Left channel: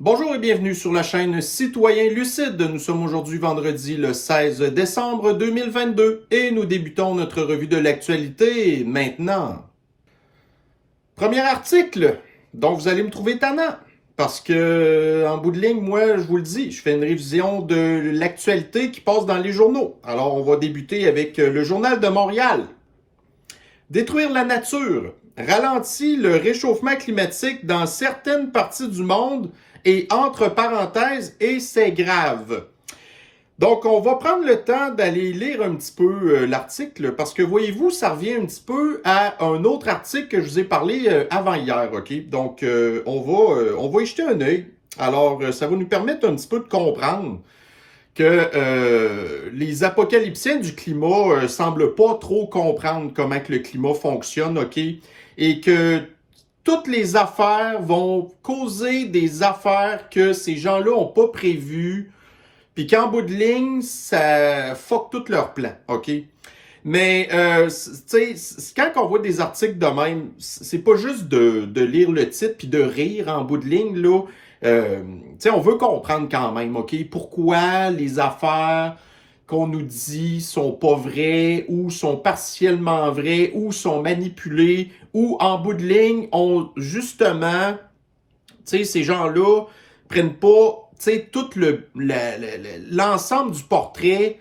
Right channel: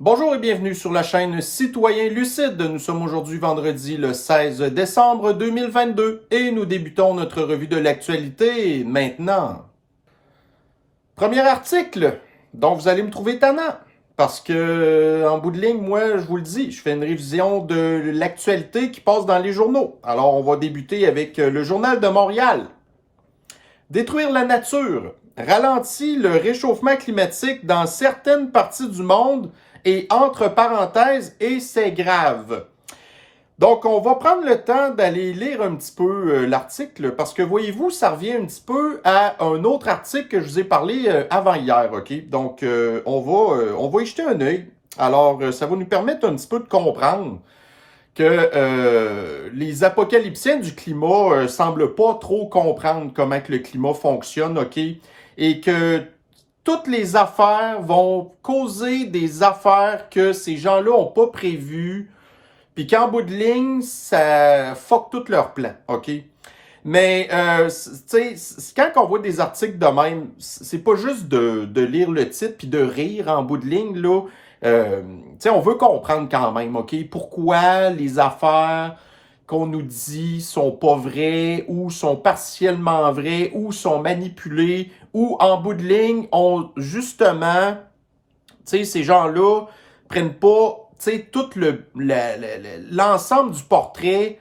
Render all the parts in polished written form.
Bonjour et bienvenue sur la chaîne Citoyen Lucide. Nous sommes aujourd'hui vendredi le 16 décembre 2022 et nous débutons notre revue de l'actualité maintenant. Premier article dont vous allez me trouver tannant parce que, en bout de ligne, moi, je vous le dis, je fais une révision de l'actualité qui passe dans les journaux. Alors, on va débuter avec le Journal de Montréal. Détruire la nature ralentit le réchauffement climatique dans certaines parties du monde et entre parenthèses, et c'est grave. Donc, on va prendre le temps d'aller lire un petit peu l'article parce que, voyez-vous, ça revient un petit peu à un autre article que je vous ai parlé avant hier, OK? Donc, on va y jeter un œil. Alors, ça va nous permettre un petit peu de comprendre que les apocalyptiens du climat semblent pas trop comprendre comment que le climat fonctionne, OK? Et que toutes les affaires vont causer des affaires que ces gens-là n'ont pas prévues, puis qu'en bout de ligne, ça fuck tout leur plan, OK? Mais, tu sais, quand on voit des articles de même, c'est pas juste de lire le titre puis de rire en bout de ligne, là. Tu sais, on veut comprendre quand même, OK? Pourquoi les affaires qu'on nous dit sont pas vraies ou sont partiellement vraies ou sont manipulées ou en bout de ligne, ont justement, tu sais, ces gens-là prennent pas, tu sais, tout l'ensemble du portrait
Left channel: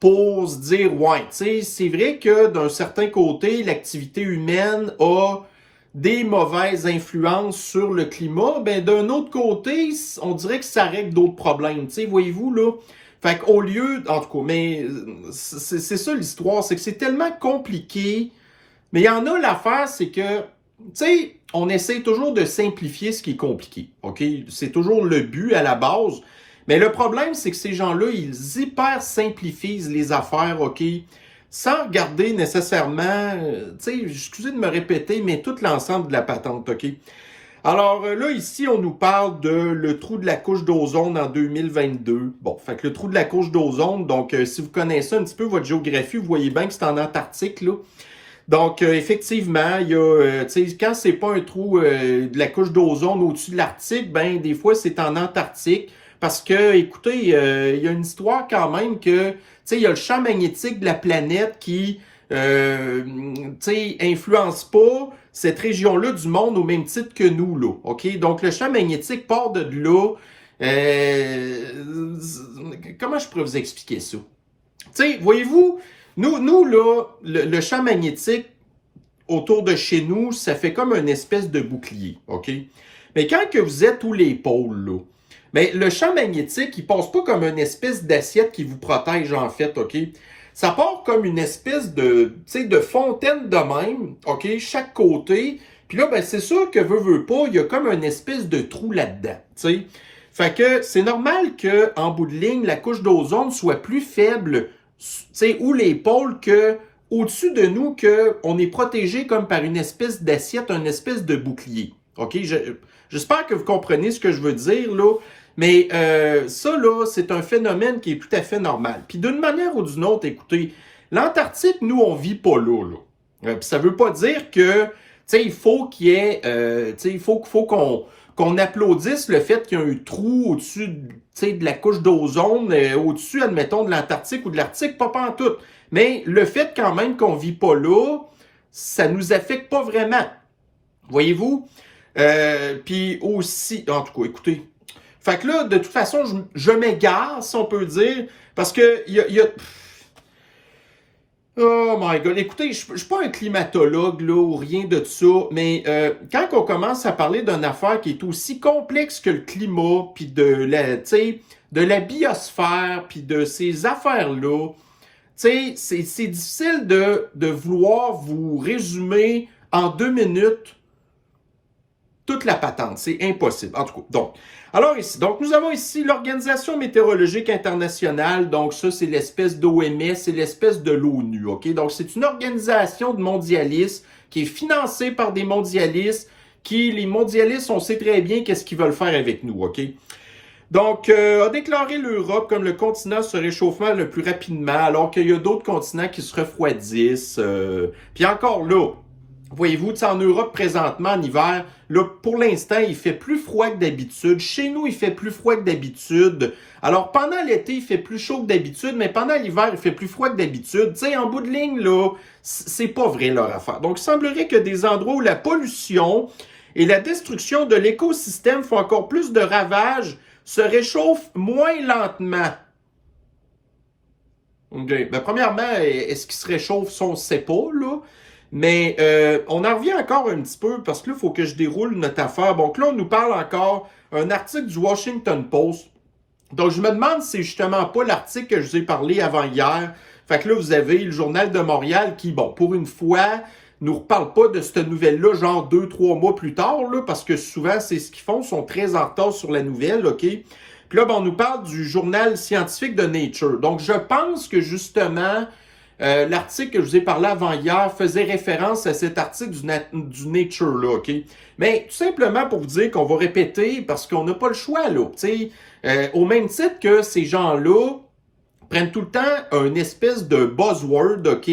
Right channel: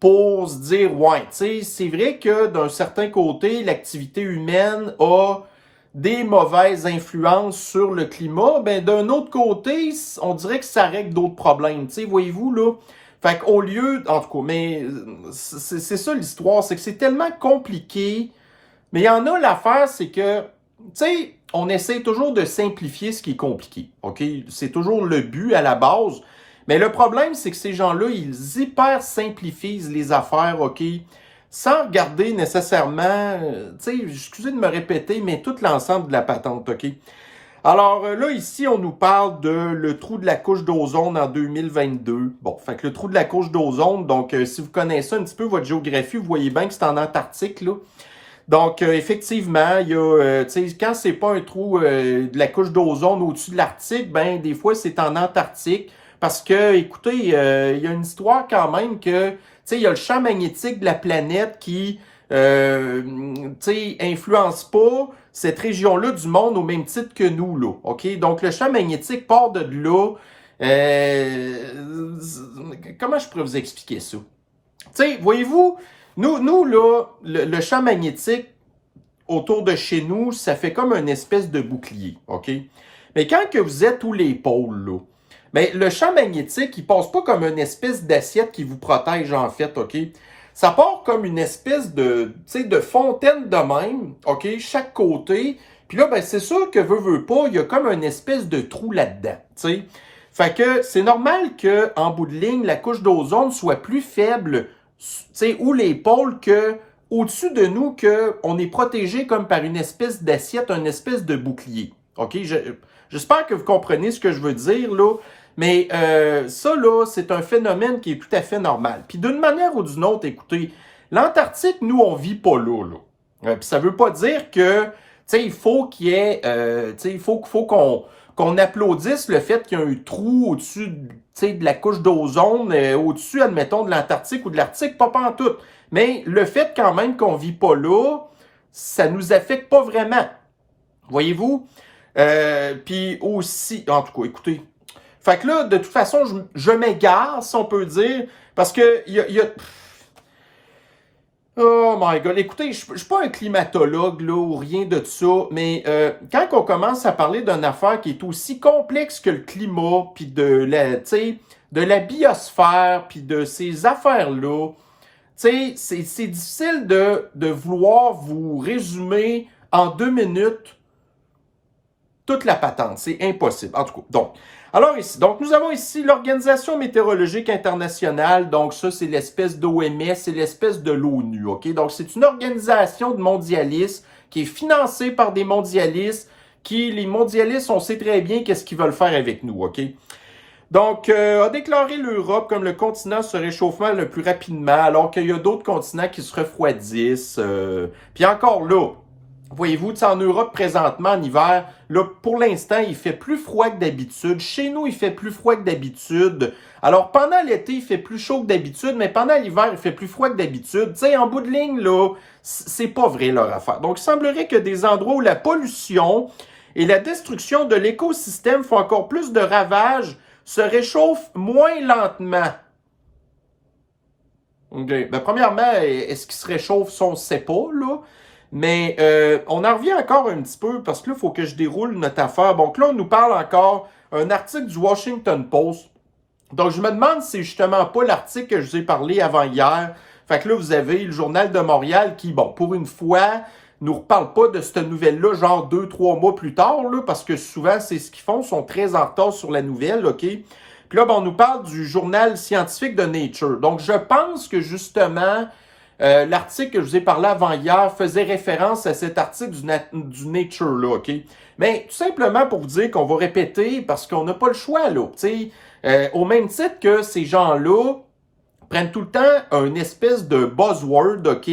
pour se dire, ouais, tu sais, c'est vrai que d'un certain côté, l'activité humaine a des mauvaises influences sur le climat, ben d'un autre côté, on dirait que ça règle d'autres problèmes, tu sais, voyez-vous, là. Fait qu'au lieu, en tout cas, mais c'est ça l'histoire, c'est que c'est tellement compliqué, mais il y en a l'affaire, c'est que, tu sais, on essaie toujours de simplifier ce qui est compliqué, OK? C'est toujours le but à la base. Mais le problème, c'est que ces gens-là, ils hyper simplifient les affaires, OK? Sans regarder nécessairement, tu sais, excusez de me répéter, mais tout l'ensemble de la patente, OK? Alors là, ici, on nous parle de le trou de la couche d'ozone en 2022. Bon, fait que le trou de la couche d'ozone, donc si vous connaissez un petit peu votre géographie, vous voyez bien que c'est en Antarctique, là. Donc, effectivement, il y a, tu sais, quand c'est pas un trou de la couche d'ozone au-dessus de l'Arctique, ben des fois, c'est en Antarctique. Parce que, écoutez, il y a une histoire quand même que, tu sais, il y a le champ magnétique de la planète qui, tu sais, influence pas cette région-là du monde au même titre que nous, là. OK? Donc, le champ magnétique part de là. Comment je pourrais vous expliquer ça? Tu sais, voyez-vous, nous là, le champ magnétique autour de chez nous, ça fait comme une espèce de bouclier, OK? Mais quand que vous êtes tous les pôles, là, ben, le champ magnétique, il passe pas comme une espèce d'assiette qui vous protège, en fait, OK? Ça part comme une espèce de, tu sais, de fontaine de même, OK? Chaque côté. Puis là, ben, c'est sûr que veut pas, il y a comme une espèce de trou là-dedans, tu sais? Fait que c'est normal que, en bout de ligne, la couche d'ozone soit plus faible, tu sais, ou les pôles que au-dessus de nous, qu'on est protégé comme par une espèce d'assiette, une espèce de bouclier. OK? J'espère que vous comprenez ce que je veux dire, là. Mais ça, là, c'est un phénomène qui est tout à fait normal. Puis d'une manière ou d'une autre, écoutez, l'Antarctique, nous, on vit pas là, là. Puis ça veut pas dire que, tu sais, il faut qu'il y ait, tu sais, il faut qu'on applaudisse le fait qu'il y a un trou au-dessus, tu sais, de la couche d'ozone, au-dessus, admettons, de l'Antarctique ou de l'Arctique, pas pantoute. Mais le fait quand même qu'on vit pas là, ça nous affecte pas vraiment. Voyez-vous? Puis aussi, en tout cas, écoutez. Fait que là, de toute façon, je m'égare, si on peut dire, parce que il y a... Oh my God. Écoutez, je suis pas un climatologue là ou rien de ça, mais quand on commence à parler d'une affaire qui est aussi complexe que le climat, puis tu sais, de la biosphère, puis de ces affaires-là, tu sais, c'est difficile de vouloir vous résumer en 2 minutes toute la patente. C'est impossible. En tout cas, donc. Alors ici, donc nous avons ici l'Organisation météorologique internationale. Donc ça, c'est l'espèce d'OMS, c'est l'espèce de l'ONU. OK? Donc c'est une organisation de mondialistes qui est financée par des mondialistes les mondialistes, on sait très bien qu'est-ce qu'ils veulent faire avec nous. OK? Donc, a déclaré l'Europe comme le continent se réchauffant le plus rapidement, alors qu'il y a d'autres continents qui se refroidissent. Puis encore là, voyez-vous, en Europe présentement, en hiver, Là, pour l'instant, il fait plus froid que d'habitude. Chez nous, il fait plus froid que d'habitude. Alors, pendant l'été, il fait plus chaud que d'habitude, mais pendant l'hiver, il fait plus froid que d'habitude. Tu sais, en bout de ligne, là, c'est pas vrai leur affaire. Donc, il semblerait que des endroits où la pollution et la destruction de l'écosystème font encore plus de ravages se réchauffent moins lentement. Okay. Ben, premièrement, est-ce qu'il se réchauffe? Ça, on ne sait pas, là. Mais on en revient encore un petit peu parce que là, il faut que je déroule notre affaire. Donc là, on nous parle encore un article du Washington Post. Donc, je me demande si c'est justement pas l'article que je vous ai parlé avant hier. Fait que là, vous avez le Journal de Montréal qui, bon, pour une fois, nous reparle pas de cette nouvelle-là, genre 2-3 mois plus tard, là, parce que souvent, c'est ce qu'ils font, ils sont très en retard sur la nouvelle, OK? Puis là, ben, on nous parle du journal scientifique de Nature. Donc, je pense que justement, l'article que je vous ai parlé avant hier faisait référence à cet article du Nature, là, OK? Mais tout simplement pour vous dire qu'on va répéter parce qu'on n'a pas le choix, là, tu sais. Au même titre que ces gens-là prennent tout le temps une espèce de buzzword, OK?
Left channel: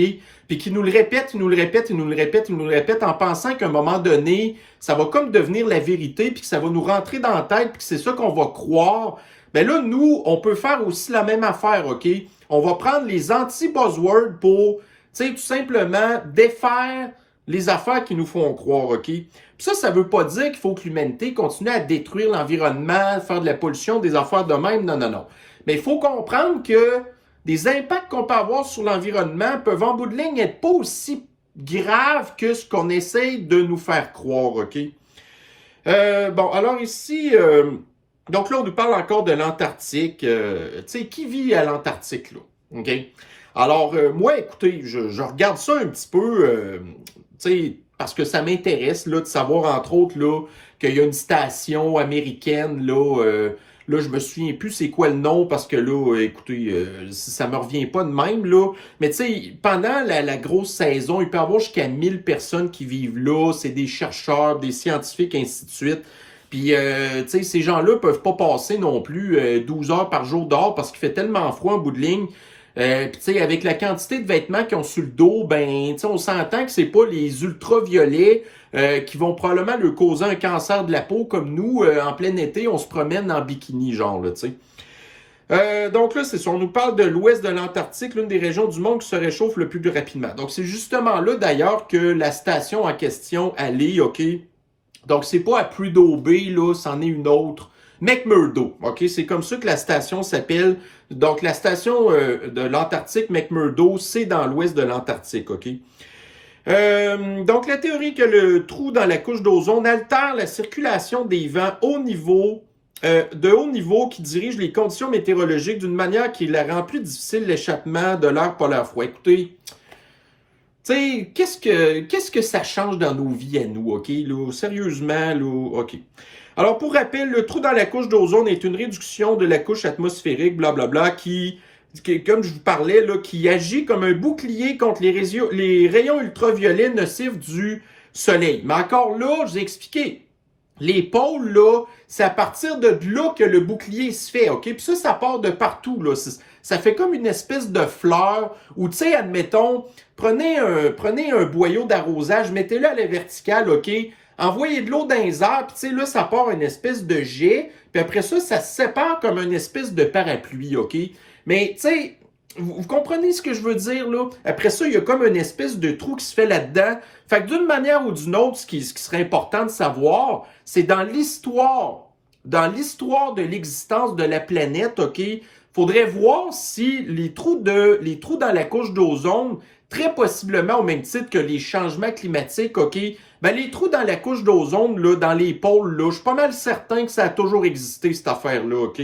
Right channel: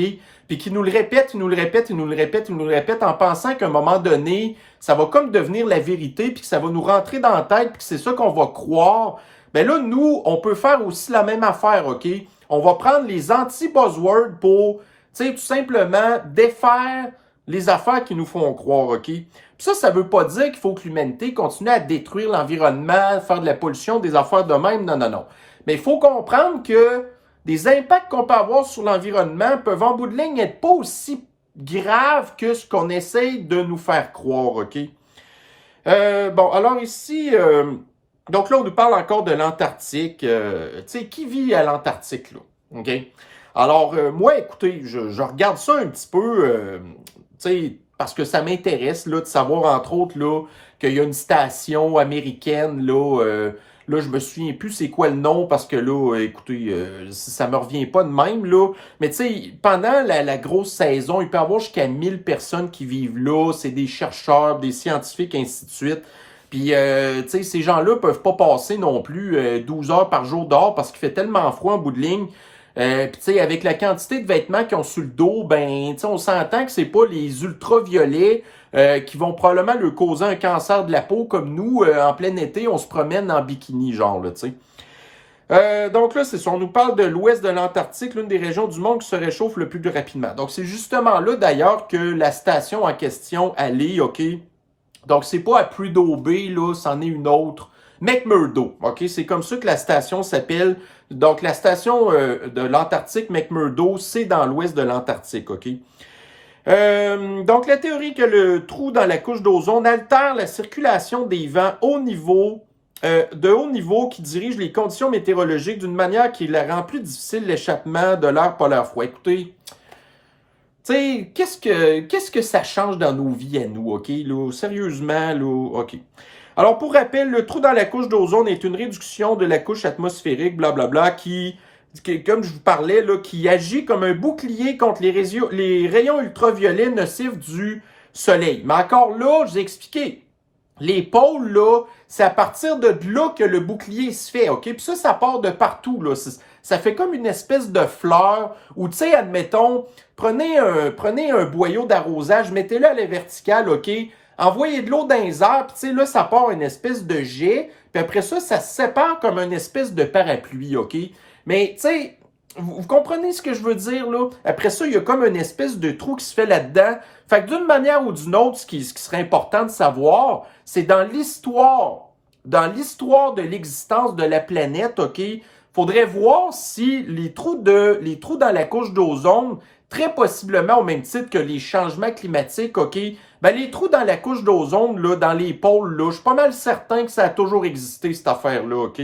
Puis qui nous le répètent, ils nous le répètent, ils nous le répètent, ils nous le répètent en pensant qu'à un moment donné, ça va comme devenir la vérité, puis que ça va nous rentrer dans la tête, puis que c'est ça qu'on va croire. Ben là, nous, on peut faire aussi la même affaire, OK? On va prendre les anti-buzzwords pour, tu sais, tout simplement défaire les affaires qui nous font croire, OK? Puis ça veut pas dire qu'il faut que l'humanité continue à détruire l'environnement, faire de la pollution, des affaires de même, non, non, non. Mais il faut comprendre que des impacts qu'on peut avoir sur l'environnement peuvent en bout de ligne être pas aussi graves que ce qu'on essaye de nous faire croire, OK? Bon, alors ici, donc là, on nous parle encore de l'Antarctique. Tu sais, qui vit à l'Antarctique, là? OK? Alors, moi, écoutez, je regarde ça un petit peu, tu sais, parce que ça m'intéresse, là, de savoir, entre autres, là, qu'il y a une station américaine, là, là, je me souviens plus c'est quoi le nom, parce que là, écoutez, ça me revient pas de même, là. Mais tu sais, pendant la grosse saison, il peut y avoir jusqu'à 1000 personnes qui vivent là. C'est des chercheurs, des scientifiques, ainsi de suite. Puis, tu sais, ces gens-là peuvent pas passer non plus 12 heures par jour dehors parce qu'il fait tellement froid en bout de ligne. Puis, tu sais, avec la quantité de vêtements qu'ils ont sur le dos, ben, tu sais, on s'entend que c'est pas les ultraviolets qui vont probablement leur causer un cancer de la peau comme nous, en plein été, on se promène en bikini, genre, là, tu sais. Donc là, c'est ça, on nous parle de l'ouest de l'Antarctique, l'une des régions du monde qui se réchauffe le plus rapidement. Donc, c'est justement là, d'ailleurs, que la station en question allait, OK? Donc, c'est pas à Prudhoe Bay, là, c'en est une autre. McMurdo, OK? C'est comme ça que la station s'appelle. Donc, la station de l'Antarctique, McMurdo, c'est dans l'ouest de l'Antarctique, OK? Donc, la théorie que le trou dans la couche d'ozone altère la circulation des vents de haut niveau qui dirigent les conditions météorologiques d'une manière qui la rend plus difficile l'échappement de l'air polaire froid. Écoutez, tu sais, qu'est-ce que ça change dans nos vies à nous, OK? Là, sérieusement, là, OK. Alors, pour rappel, le trou dans la couche d'ozone est une réduction de la couche atmosphérique, blablabla, qui, comme je vous parlais, là, qui agit comme un bouclier contre les rayons ultraviolets nocifs du soleil. Mais encore là, je vous ai expliqué, les pôles, là, c'est à partir de là que le bouclier se fait, OK? Puis ça part de partout, là. Ça fait comme une espèce de fleur où, tu sais, admettons, prenez un boyau d'arrosage, mettez-le à la verticale, OK? Envoyez de l'eau dans les airs, puis tu sais, là, ça part une espèce de jet, puis après ça, ça se sépare comme une espèce de parapluie, OK? Mais, tu sais, vous comprenez ce que je veux dire, là? Après ça, il y a comme une espèce de trou qui se fait là-dedans. Fait que d'une manière ou d'une autre, ce qui serait important de savoir, c'est dans l'histoire de l'existence de la planète, OK? Faudrait voir si les trous dans la couche d'ozone, très possiblement au même titre que les changements climatiques, OK? Ben, les trous dans la couche d'ozone, là, dans les pôles, là, je suis pas mal certain que ça a toujours existé, cette affaire-là, OK?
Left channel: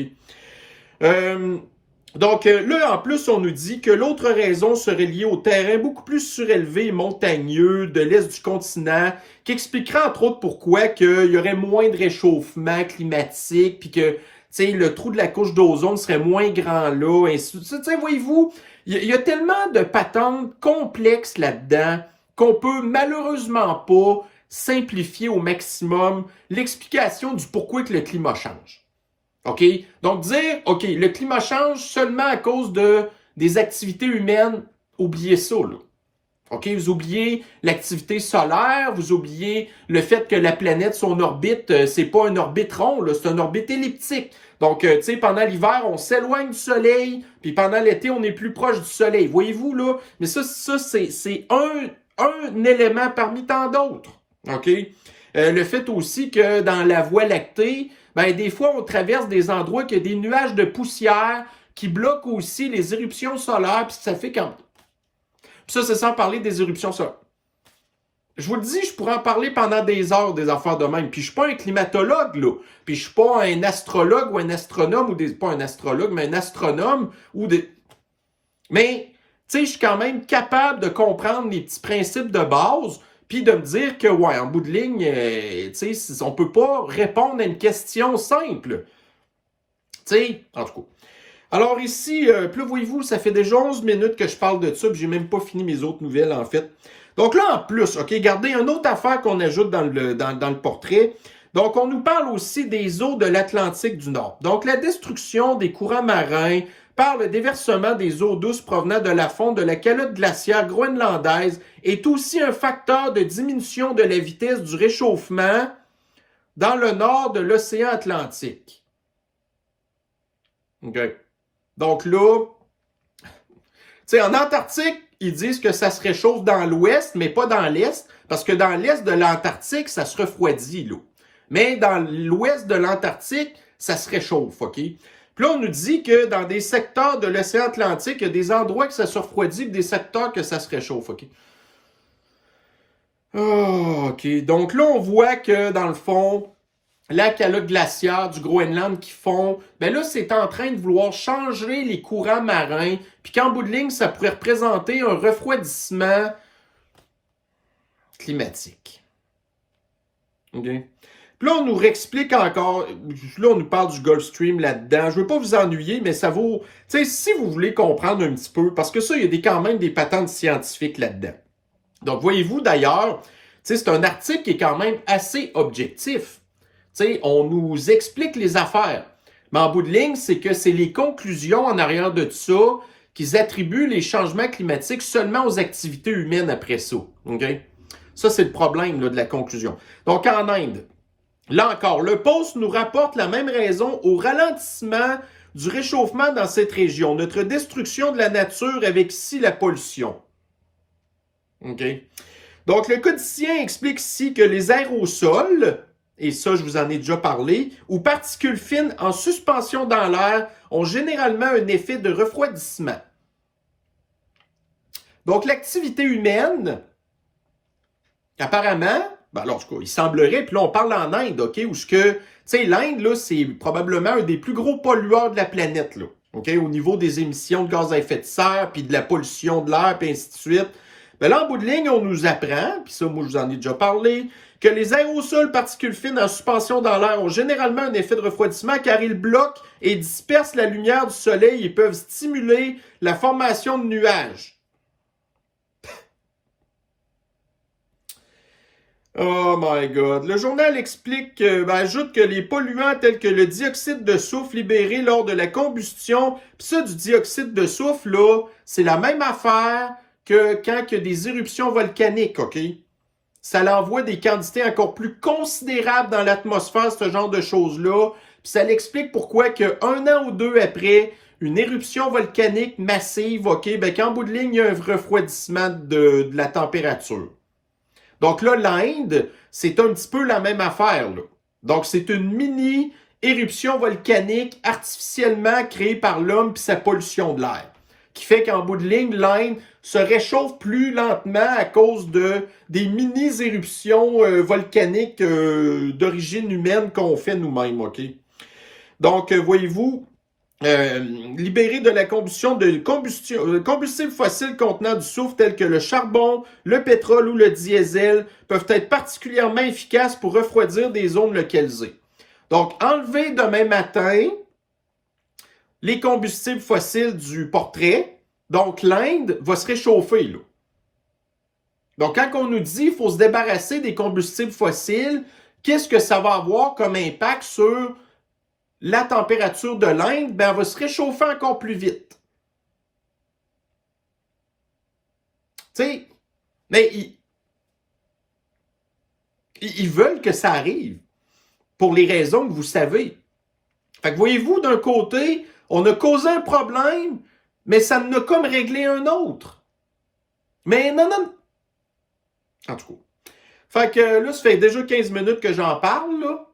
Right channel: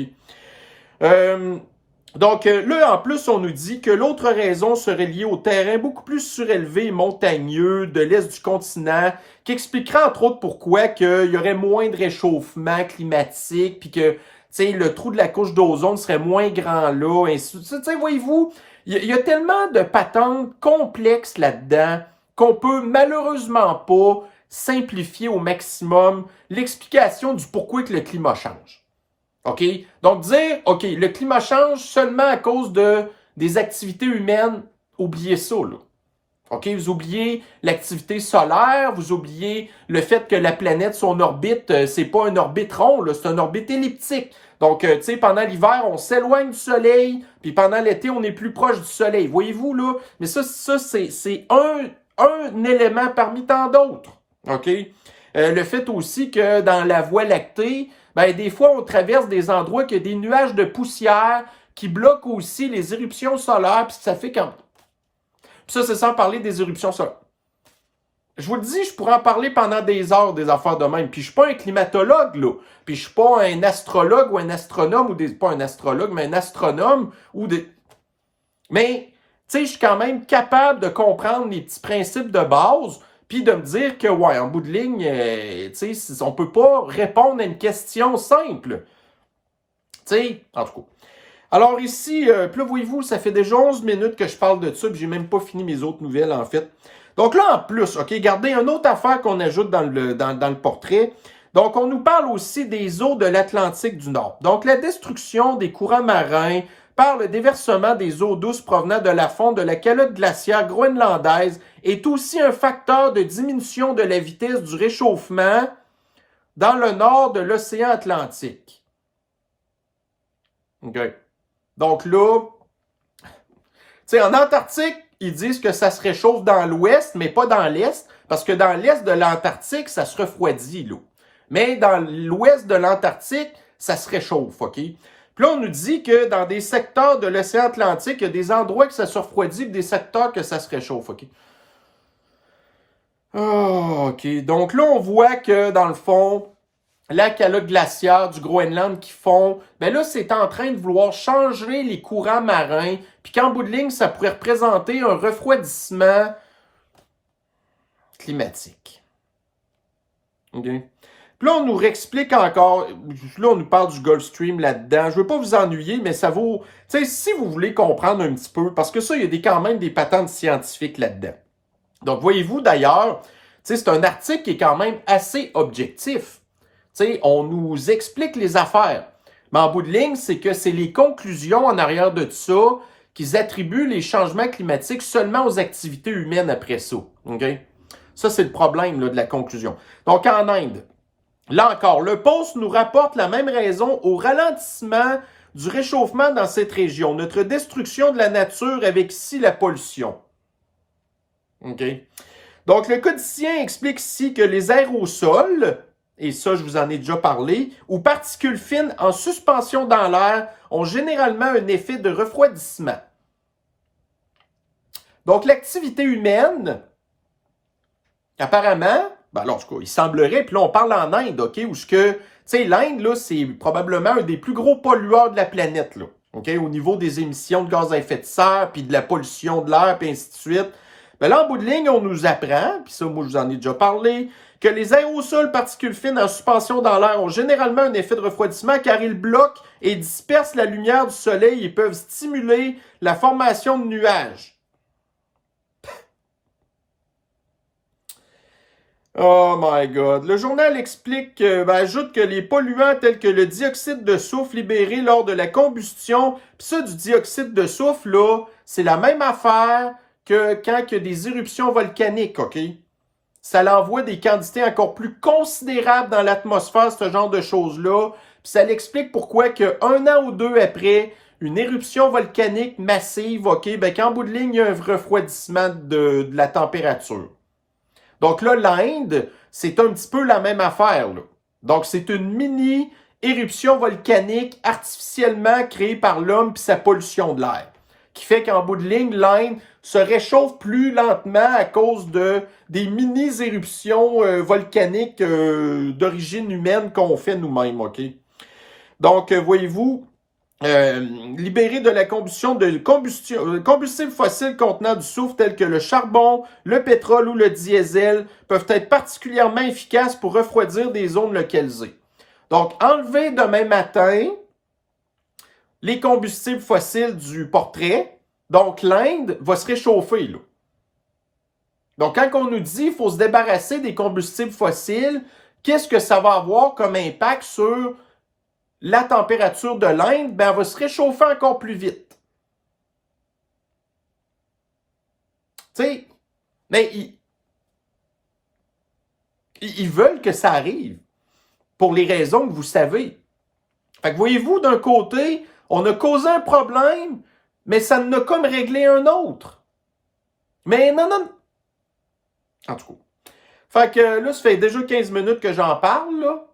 Donc, là, en plus, on nous dit que l'autre raison serait liée au terrain beaucoup plus surélevé et montagneux de l'est du continent, qui expliquera entre autres pourquoi qu'il y aurait moins de réchauffement climatique, puis que, tu sais, le trou de la couche d'ozone serait moins grand là, et tu sais, voyez-vous, il y a tellement de patentes complexes là-dedans qu'on peut malheureusement pas simplifier au maximum l'explication du pourquoi que le climat change. OK? Donc, dire, OK, le climat change seulement à cause des activités humaines, oubliez ça, là. OK? Vous oubliez l'activité solaire, vous oubliez le fait que la planète, son orbite, c'est pas une orbite ronde, c'est une orbite elliptique. Donc, tu sais, pendant l'hiver, on s'éloigne du soleil, puis pendant l'été, on est plus proche du soleil. Voyez-vous, là? Mais ça c'est un élément parmi tant d'autres. OK? Le fait aussi que dans la Voie lactée, ben, des fois, on traverse des endroits qui ont des nuages de poussière qui bloquent aussi les éruptions solaires, puis ça fait quand... Puis ça, c'est sans parler des éruptions solaires. Je vous le dis, je pourrais en parler pendant des heures des affaires de même. Puis je suis pas un climatologue, là. Puis je suis pas un astrologue ou un astronome, ou pas un astrologue, mais un astronome, ou des... Mais, tu sais, je suis quand même capable de comprendre les petits principes de base, puis de me dire que, ouais, en bout de ligne, tu sais, on peut pas répondre à une question simple. Tu sais, en tout cas. Alors ici, puis là, voyez-vous, ça fait déjà 11 minutes que je parle de ça, puis j'ai même pas fini mes autres nouvelles, en fait. Donc là, en plus, OK, regardez, une autre affaire qu'on ajoute dans le portrait. Donc, on nous parle aussi des eaux de l'Atlantique du Nord. Donc, la destruction des courants marins par le déversement des eaux douces provenant de la fonte de la calotte glaciaire groenlandaise est aussi un facteur de diminution de la vitesse du réchauffement dans le nord de l'océan Atlantique. OK. Donc là, tu sais, en Antarctique, ils disent que ça se réchauffe dans l'ouest, mais pas dans l'est, parce que dans l'est de l'Antarctique, ça se refroidit, là. Mais dans l'ouest de l'Antarctique, ça se réchauffe, OK? Puis là, on nous dit que dans des secteurs de l'océan Atlantique, il y a des endroits que ça se refroidit et des secteurs que ça se réchauffe, OK? Oh, OK. Donc là, on voit que, dans le fond, la calotte glaciaire du Groenland qui fond, ben là, c'est en train de vouloir changer les courants marins, puis qu'en bout de ligne, ça pourrait représenter un refroidissement climatique. OK? Puis là, on nous réexplique encore, là, on nous parle du Gulf Stream là-dedans. Je veux pas vous ennuyer, mais ça vaut, tu sais, si vous voulez comprendre un petit peu, parce que ça, il y a quand même des patentes scientifiques là-dedans. Donc, voyez-vous, d'ailleurs, tu sais, c'est un article qui est quand même assez objectif. Tu sais, on nous explique les affaires. Mais en bout de ligne, c'est que c'est les conclusions en arrière de tout ça qu'ils attribuent les changements climatiques seulement aux activités humaines après ça. Okay? Ça, c'est le problème là, de la conclusion. Donc, en Inde, là encore, le Post nous rapporte la même raison au ralentissement du réchauffement dans cette région. Notre destruction de la nature avec ici la pollution. OK? Donc, le codicien explique ici que les aérosols, et ça, je vous en ai déjà parlé, ou particules fines en suspension dans l'air ont généralement un effet de refroidissement. Donc, l'activité humaine, apparemment, ben alors, en tout cas, il semblerait, puis là, on parle en Inde, OK, où ce que, tu sais, l'Inde, là, c'est probablement un des plus gros pollueurs de la planète, là, OK, au niveau des émissions de gaz à effet de serre, puis de la pollution de l'air, puis ainsi de suite. Ben là, en bout de ligne, on nous apprend, puis ça, moi, je vous en ai déjà parlé, que les aérosols particules fines en suspension dans l'air ont généralement un effet de refroidissement car ils bloquent et dispersent la lumière du soleil et peuvent stimuler la formation de nuages. Oh my God. Le journal explique, ajoute que les polluants tels que le dioxyde de soufre libéré lors de la combustion, puis ça, du dioxyde de soufre, là, c'est la même affaire que quand il y a des éruptions volcaniques, OK? Ça l'envoie des quantités encore plus considérables dans l'atmosphère, ce genre de choses-là. Puis ça l'explique pourquoi qu'un an ou deux après une éruption volcanique massive, OK, ben qu'en bout de ligne, il y a un refroidissement de la température. Donc là, l'Inde, c'est un petit peu la même affaire, là. Donc, c'est une mini-éruption volcanique artificiellement créée par l'homme puis sa pollution de l'air, qui fait qu'en bout de ligne, l'Inde se réchauffe plus lentement à cause des mini-éruptions volcaniques d'origine humaine qu'on fait nous-mêmes, OK? Donc, voyez-vous, libérés de la combustion de combustibles fossiles contenant du soufre tels que le charbon, le pétrole ou le diesel peuvent être particulièrement efficaces pour refroidir des zones localisées. Donc, enlever demain matin les combustibles fossiles du portrait, donc l'Inde va se réchauffer, là. Donc, quand on nous dit qu'il faut se débarrasser des combustibles fossiles, qu'est-ce que ça va avoir comme impact sur la température de l'Inde? Ben, elle va se réchauffer encore plus vite. Tu sais, Mais ils veulent que ça arrive pour les raisons que vous savez. Fait que voyez-vous, d'un côté, on a causé un problème, mais ça ne a comme réglé un autre. Mais non, non. En tout cas. Fait que là, ça fait déjà 15 minutes que j'en parle, là.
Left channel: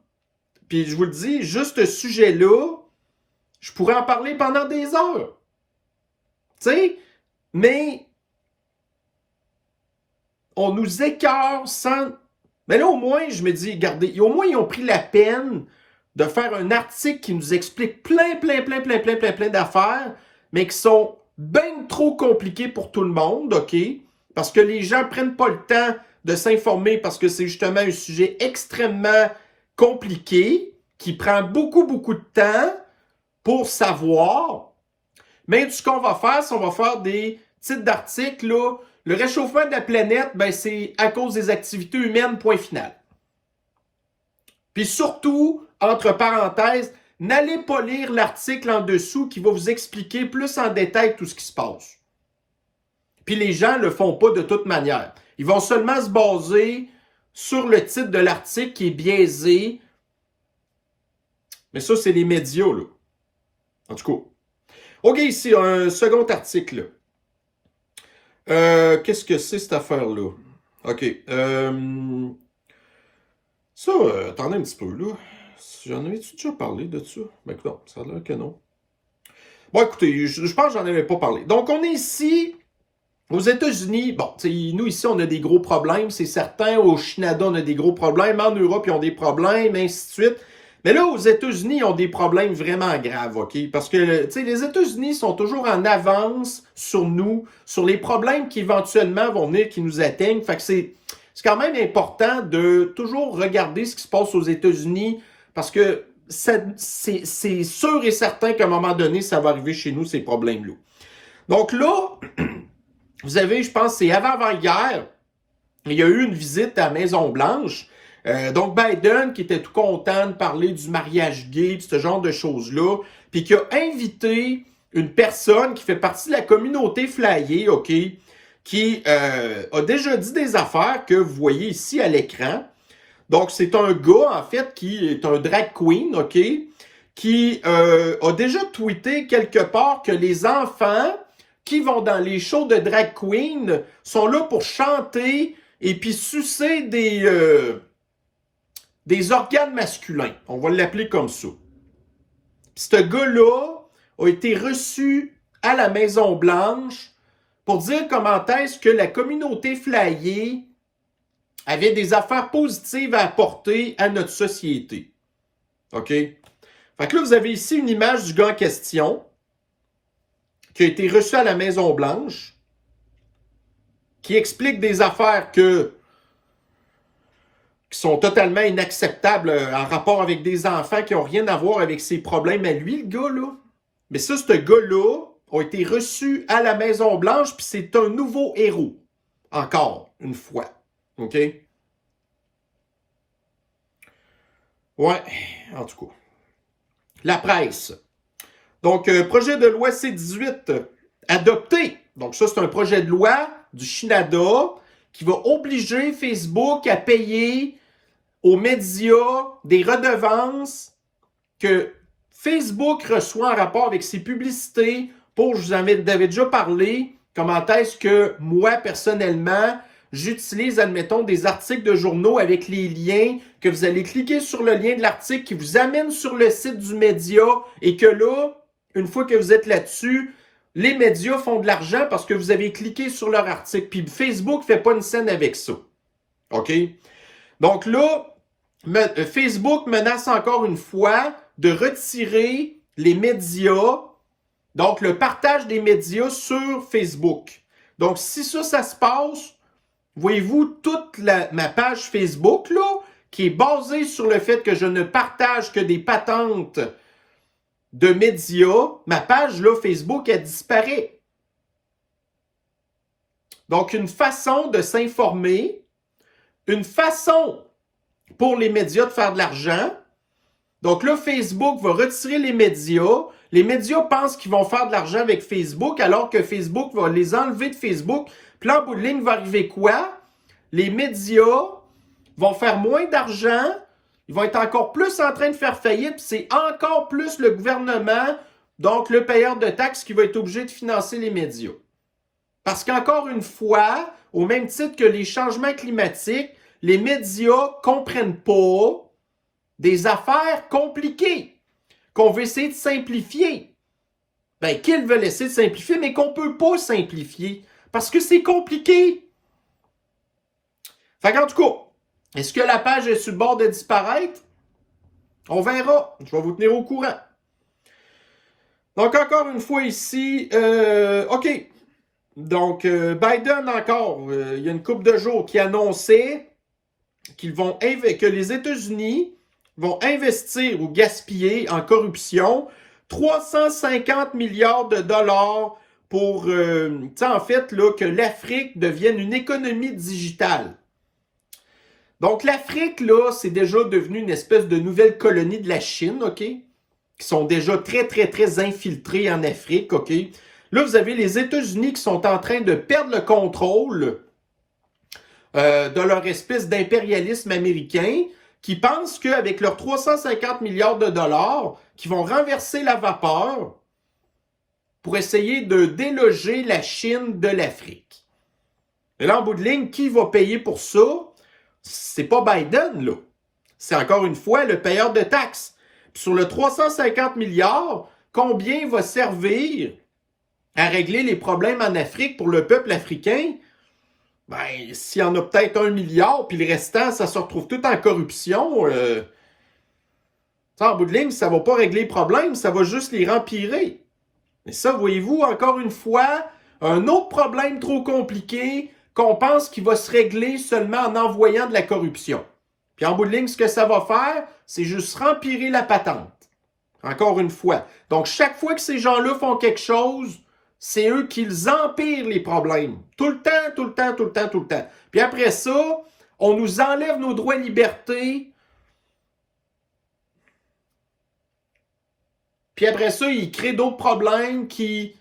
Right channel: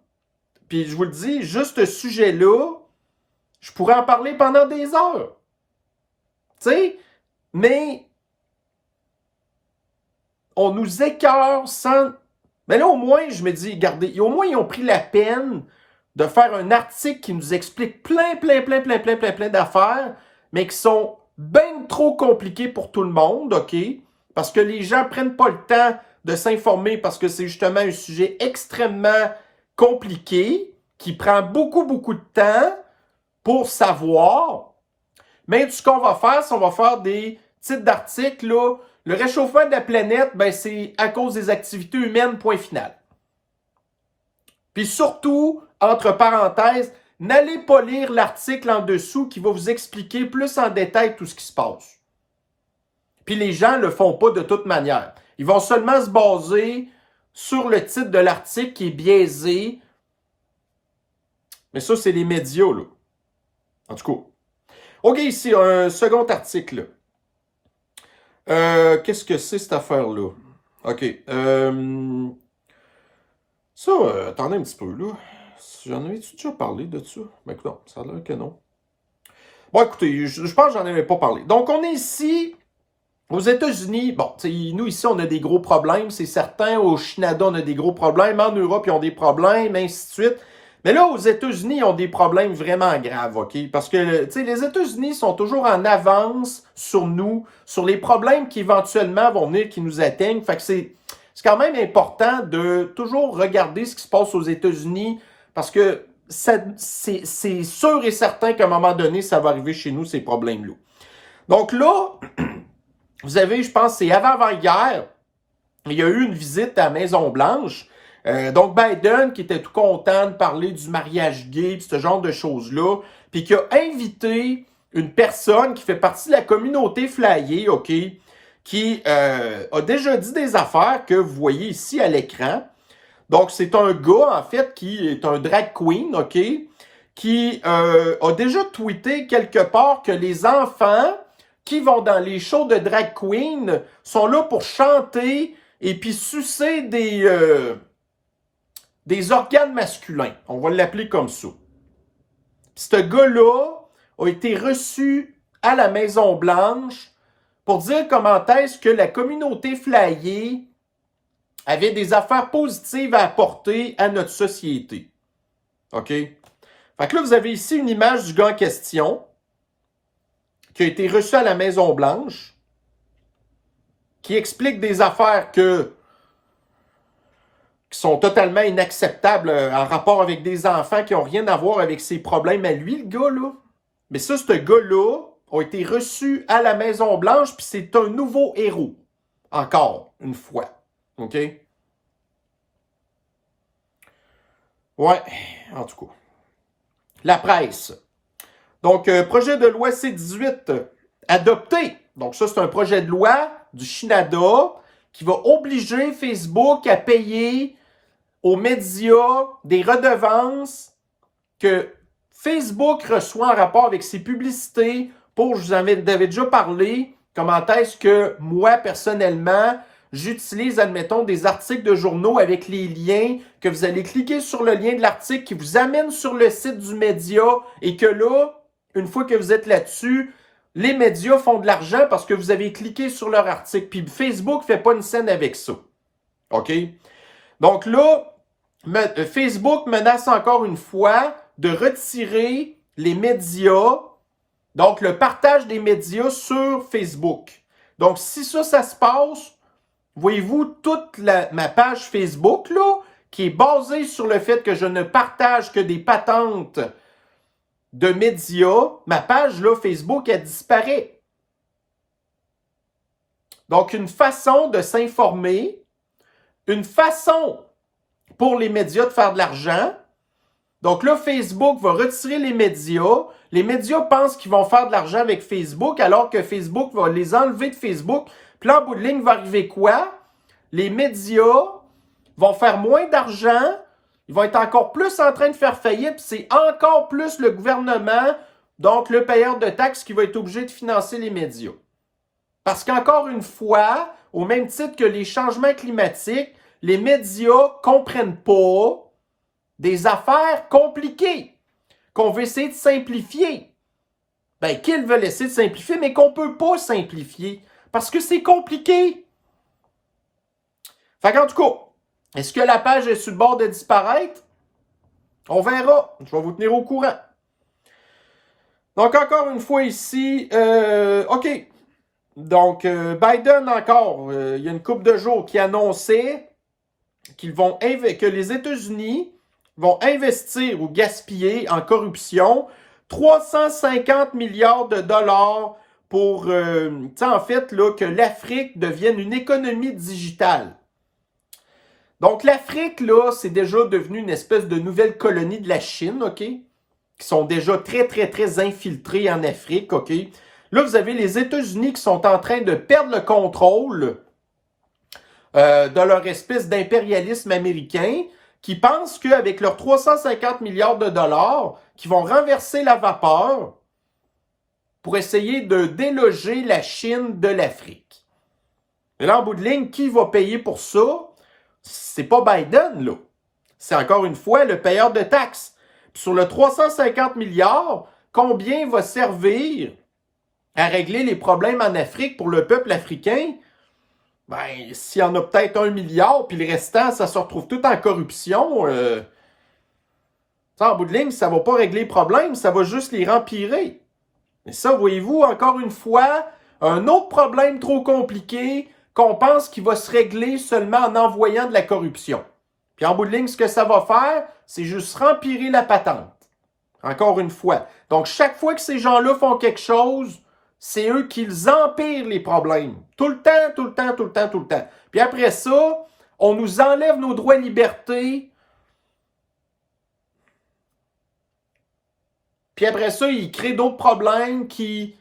Puis je vous le dis, juste ce sujet-là, je pourrais en parler pendant des heures. Tu sais, mais on nous écœure sans... Mais là, au moins, je me dis, regardez, au moins, ils ont pris la peine de faire un article qui nous explique plein d'affaires, mais qui sont bien trop compliquées pour tout le monde, OK? Parce que les gens prennent pas le temps de s'informer parce que c'est justement un sujet extrêmement compliqué qui prend beaucoup de temps pour savoir. Mais ce qu'on va faire, c'est qu'on va faire des titres d'articles, là. Le réchauffement de la planète, ben, c'est à cause des activités humaines, point final. Puis surtout, entre parenthèses, n'allez pas lire l'article en dessous qui va vous expliquer plus en détail tout ce qui se passe. Puis les gens ne le font pas de toute manière. Ils vont seulement se baser sur le titre de l'article qui est biaisé. Mais ça, c'est les médias, là. En tout cas. OK, ici, un second article. Qu'est-ce que c'est cette affaire-là? OK. Ça, attendez un petit peu, là. J'en avais-tu déjà parlé de ça? Ben écoute, non, ça a l'air que non. Bon, écoutez, je pense que j'en avais pas parlé. Donc, on est ici, aux États-Unis. Bon, nous, ici, on a des gros problèmes, c'est certain. Au Canada, on a des gros problèmes. En Europe, ils ont des problèmes, ainsi de suite. Mais là, aux États-Unis, ils ont des problèmes vraiment graves, OK? Parce que, tu sais, les États-Unis sont toujours en avance sur nous, sur les problèmes qui éventuellement vont venir, qui nous atteignent. Fait que c'est quand même important de toujours regarder ce qui se passe aux États-Unis parce que c'est sûr et certain qu'à un moment donné, ça va arriver chez nous, ces problèmes-là. Donc là, vous avez, je pense, c'est avant-hier, il y a eu une visite à la Maison-Blanche. Donc Biden, qui était tout content de parler du mariage gay, ce genre de choses-là, puis qui a invité une personne qui fait partie de la communauté flyée, OK, qui a déjà dit des affaires que vous voyez ici à l'écran. Donc, c'est un gars, en fait, qui est un drag queen, OK, qui a déjà tweeté quelque part que les enfants qui vont dans les shows de drag queen sont là pour chanter et puis sucer des organes masculins. On va l'appeler comme ça. Puis ce gars-là a été reçu à la Maison-Blanche pour dire comment est-ce que la communauté flyée avait des affaires positives à apporter à notre société. OK? Fait que là, vous avez ici une image du gars en question qui a été reçu à la Maison-Blanche, qui explique des affaires qui sont totalement inacceptables en rapport avec des enfants qui n'ont rien à voir avec ses problèmes à lui, le gars, là. Mais ça, ce gars-là a été reçu à la Maison-Blanche, puis c'est un nouveau héros. Encore une fois. OK? Ouais, en tout cas. La presse. Donc, projet de loi C-18 adopté. Donc, ça, c'est un projet de loi du Canada qui va obliger Facebook à payer aux médias des redevances que Facebook reçoit en rapport avec ses publicités pour, je vous avais déjà parlé, comment est-ce que moi, personnellement, j'utilise, admettons, des articles de journaux avec les liens, que vous allez cliquer sur le lien de l'article qui vous amène sur le site du média et que là, une fois que vous êtes là-dessus, les médias font de l'argent parce que vous avez cliqué sur leur article. Puis Facebook ne fait pas une scène avec ça. OK? Donc là, Facebook menace encore une fois de retirer les médias, donc le partage des médias sur Facebook. Donc si ça se passe, voyez-vous, toute ma page Facebook, là, qui est basée sur le fait que je ne partage que des patentes de médias, ma page, là, Facebook, elle disparaît. Donc, une façon de s'informer, une façon pour les médias de faire de l'argent. Donc là, Facebook va retirer les médias. Les médias pensent qu'ils vont faire de l'argent avec Facebook, alors que Facebook va les enlever de Facebook Puis là, en bout de ligne, va arriver quoi? Les médias vont faire moins d'argent, ils vont être encore plus en train de faire faillite, puis c'est encore plus le gouvernement, donc le payeur de taxes, qui va être obligé de financer les médias. Parce qu'encore une fois, au même titre que les changements climatiques, les médias ne comprennent pas des affaires compliquées qu'on veut essayer de simplifier. Ben, qu'ils veulent essayer de simplifier, mais qu'on ne peut pas simplifier parce que c'est compliqué. Fait qu'en tout cas, est-ce que la page est sur le bord de disparaître? On verra. Je vais vous tenir au courant. Donc, encore une fois ici, OK. Donc, Biden encore, il y a une couple de jours qui annonçait que les États-Unis vont investir ou gaspiller en corruption 350 milliards de dollars pour, en fait, là, que l'Afrique devienne une économie digitale. Donc, l'Afrique, là, c'est déjà devenu une espèce de nouvelle colonie de la Chine, OK? Qui sont déjà très, très, très infiltrés en Afrique, OK? Là, vous avez les États-Unis qui sont en train de perdre le contrôle de leur espèce d'impérialisme américain, qui pensent qu'avec leurs 350 milliards de dollars, qui vont renverser la vapeur pour essayer de déloger la Chine de l'Afrique. Et là, en bout de ligne, qui va payer pour ça? C'est pas Biden, là. C'est encore une fois le payeur de taxes. Puis sur le 350 milliards, combien va servir à régler les problèmes en Afrique pour le peuple africain? Ben, s'il y en a peut-être 1 milliard, puis le restant, ça se retrouve tout en corruption, en bout de ligne, ça ne va pas régler les problèmes, ça va juste les rempirer. Et ça, voyez-vous, encore une fois, un autre problème trop compliqué qu'on pense qu'il va se régler seulement en envoyant de la corruption. Puis en bout de ligne, ce que ça va faire, c'est juste rempirer la patente. Encore une fois. Donc, chaque fois que ces gens-là font quelque chose, c'est eux qui empirent les problèmes. Tout le temps, tout le temps, tout le temps, tout le temps. Puis après ça, on nous enlève nos droits et libertés. Puis après ça, ils créent d'autres problèmes qui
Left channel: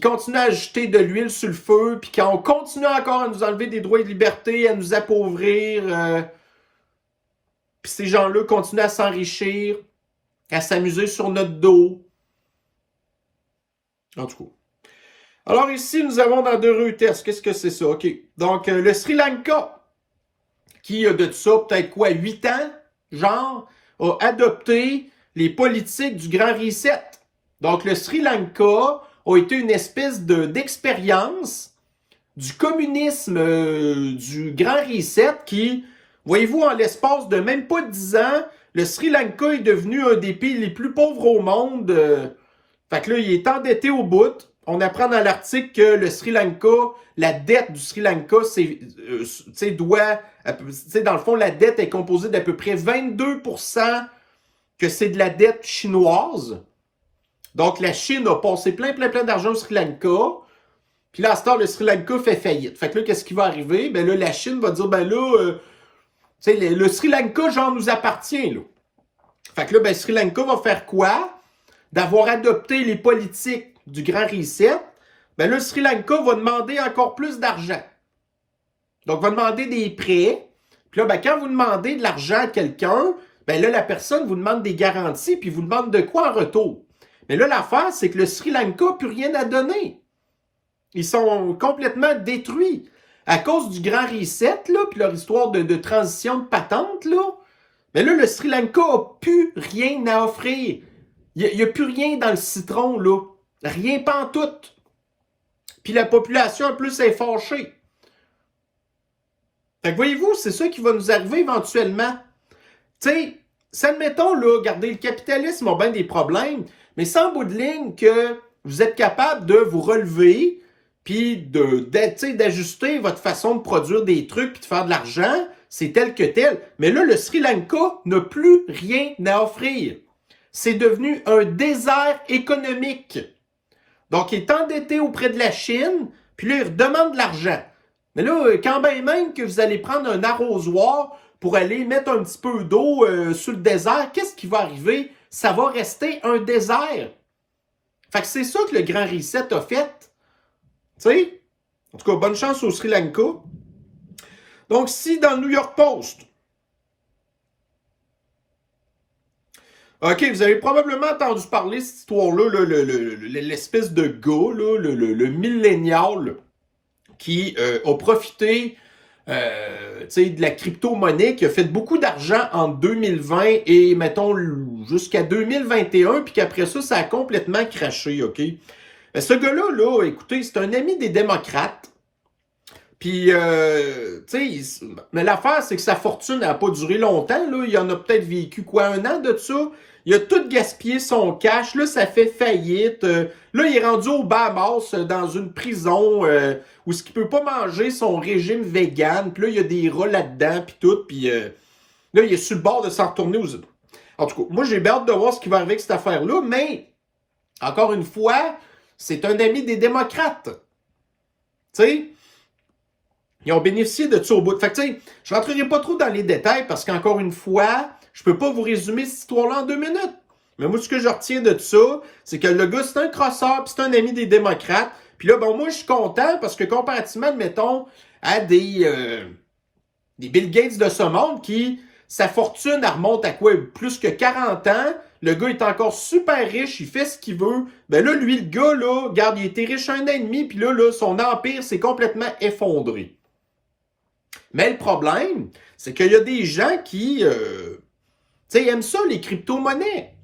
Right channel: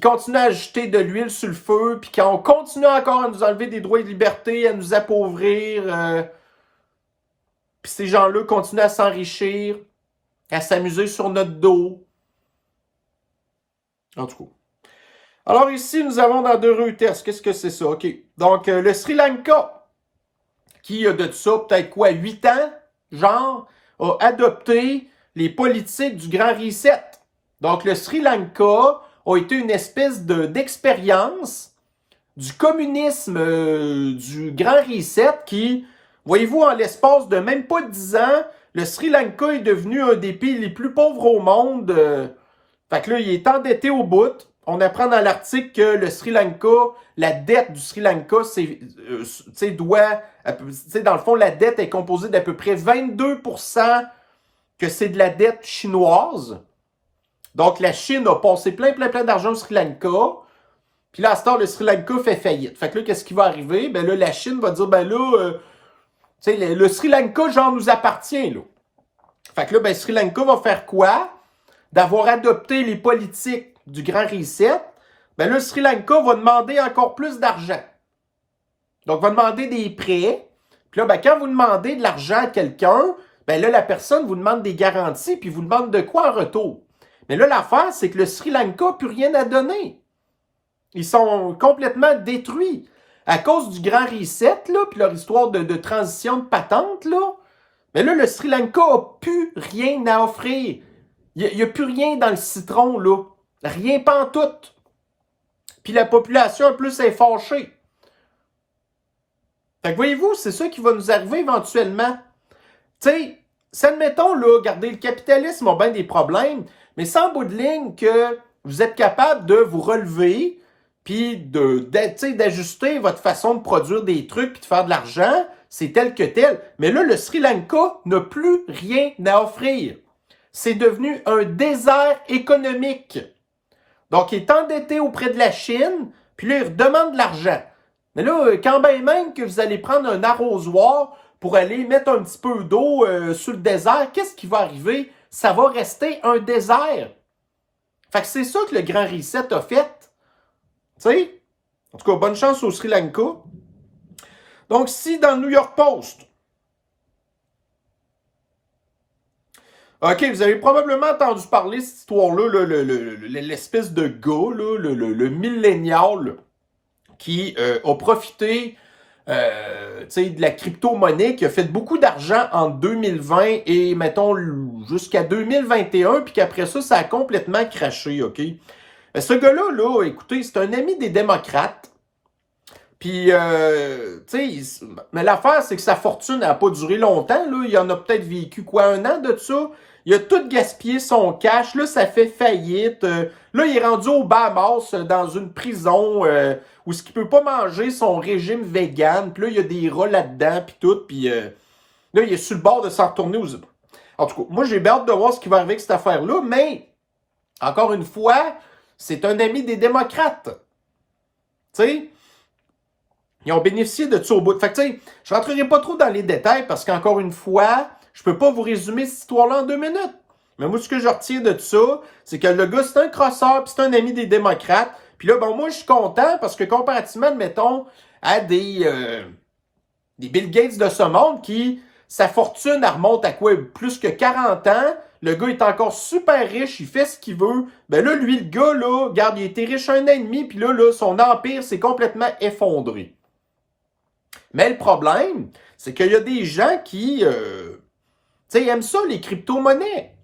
continuent à ajouter de l'huile sur le feu. Puis quand on continue encore à nous enlever des droits et libertés, à nous appauvrir, puis ces gens-là continuent à s'enrichir, à s'amuser sur notre dos. En tout cas. Alors ici, nous avons dans deux Reuters. Qu'est-ce que c'est ça? OK. Donc, le Sri Lanka, qui a de ça peut-être quoi, 8 ans, genre, a adopté les politiques du Grand Reset. Donc, le Sri Lanka a été une espèce d'expérience du communisme du Grand Reset qui, voyez-vous, en l'espace de même pas 10 ans, le Sri Lanka est devenu un des pays les plus pauvres au monde. Fait que là, il est endetté au bout. On apprend dans l'article que le Sri Lanka, la dette du Sri Lanka, dans le fond, la dette est composée d'à peu près 22% que c'est de la dette chinoise. Donc, la Chine a passé plein d'argent au Sri Lanka. Puis là, à ce temps, le Sri Lanka fait faillite. Fait que là, qu'est-ce qui va arriver? Ben là, la Chine va dire, le Sri Lanka, genre, nous appartient, là. Fait que là, ben, Sri Lanka va faire quoi? D'avoir adopté les politiques du Grand Reset, ben là, le Sri Lanka va demander encore plus d'argent. Donc, va demander des prêts. Puis là, ben, quand vous demandez de l'argent à quelqu'un, ben là, la personne vous demande des garanties, puis vous demande de quoi en retour. Mais là, l'affaire, c'est que le Sri Lanka n'a plus rien à donner. Ils sont complètement détruits. À cause du Grand Reset, là, puis leur histoire de transition de patente, là, mais là, le Sri Lanka n'a plus rien à offrir. Il n'y a plus rien dans le citron, là. Rien pantoute. Puis la population, en plus, est fâchée. Fait que voyez-vous, c'est ça qui va nous arriver éventuellement. Tu sais, admettons, là, regardez, le capitalisme a bien des problèmes, mais sans bout de ligne que vous êtes capable de vous relever, puis d'ajuster votre façon de produire des trucs, puis de faire de l'argent, c'est tel que tel. Mais là, le Sri Lanka n'a plus rien à offrir. C'est devenu un désert économique. Donc, il est endetté auprès de la Chine, puis là, il redemande de l'argent. Mais là, quand bien même que vous allez prendre un arrosoir pour aller mettre un petit peu d'eau sur le désert, qu'est-ce qui va arriver? Ça va rester un désert. Fait que c'est ça que le Grand Reset a fait. Tu sais, En tout cas, bonne chance au Sri Lanka. Donc, si dans le New York Post, OK, vous avez probablement entendu parler de cette histoire-là, là, l'espèce de gars, là, le millénial, qui a profité de la crypto-monnaie, qui a fait beaucoup d'argent en 2020 et, mettons, jusqu'à 2021, puis qu'après ça, ça a complètement craché, OK? Ce gars-là, là, écoutez, c'est un ami des démocrates. Puis, mais l'affaire, c'est que sa fortune n'a pas duré longtemps, là. Il en a peut-être vécu, quoi, 1 an de ça? Il a tout gaspillé son cash. Là, ça fait faillite. Là, il est rendu au Bahamas, dans une prison où il ne peut pas manger son régime vegan. Puis là, il y a des rats là-dedans, puis tout. Puis là, il est sur le bord de s'en retourner aux... En tout cas, moi, j'ai bien hâte de voir ce qui va arriver avec cette affaire-là. Mais, encore une fois, c'est un ami des démocrates. Tu sais? Ils ont bénéficié de ça au bout. Fait que, tu sais, je ne rentrerai pas trop dans les détails parce qu'encore une fois, je peux pas vous résumer cette histoire-là en 2 minutes. Mais moi, ce que je retiens de ça, c'est que le gars, c'est un crosseur, puis c'est un ami des démocrates. Puis là, bon, moi, je suis content parce que comparativement, mettons, à des Bill Gates de ce monde qui, sa fortune, elle remonte à quoi? Plus que 40 ans. Le gars est encore super riche, il fait ce qu'il veut. Ben là, lui, le gars, là, regarde, il était riche 1 an et demi, puis là, son empire s'est complètement effondré. Mais le problème, c'est qu'il y a des gens qui aiment ça, les crypto-monnaies.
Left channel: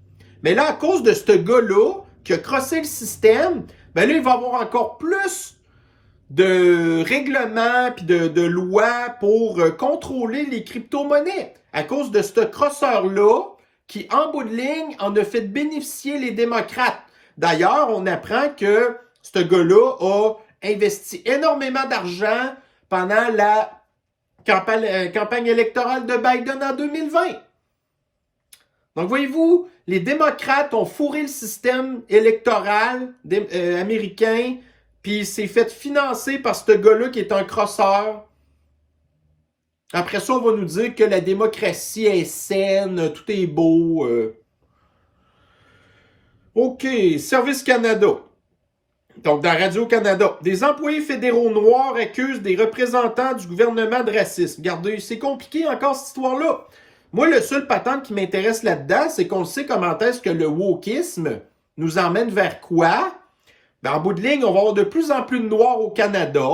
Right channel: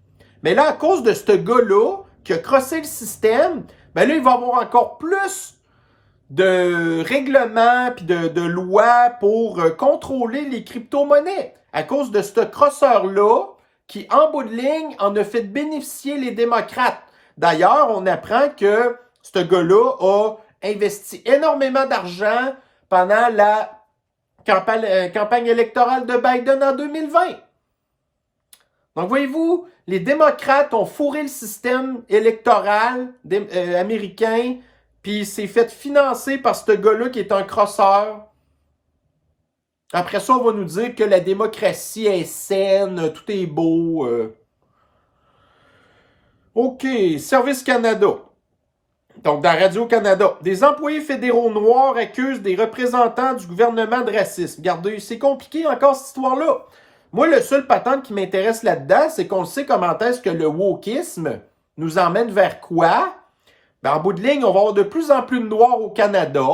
Mais là, à cause de ce gars-là qui a crossé le système, ben là, il va y avoir encore plus de règlements puis de lois pour contrôler les crypto-monnaies. À cause de ce crosseur-là qui, en bout de ligne, en a fait bénéficier les démocrates. D'ailleurs, on apprend que ce gars-là a investi énormément d'argent pendant la campagne électorale de Biden en 2020. Donc, voyez-vous, les démocrates ont fourré le système électoral américain, puis c'est fait financer par ce gars-là qui est un crosseur. Après ça, on va nous dire que la démocratie est saine, tout est beau. OK, Service Canada. Donc, dans Radio-Canada, des employés fédéraux noirs accusent des représentants du gouvernement de racisme. Regardez, c'est compliqué encore cette histoire-là. Moi, le seul patente qui m'intéresse là-dedans, c'est qu'on sait comment est-ce que le wokisme nous emmène vers quoi. Ben, en bout de ligne, on va avoir de plus en plus de Noirs au Canada.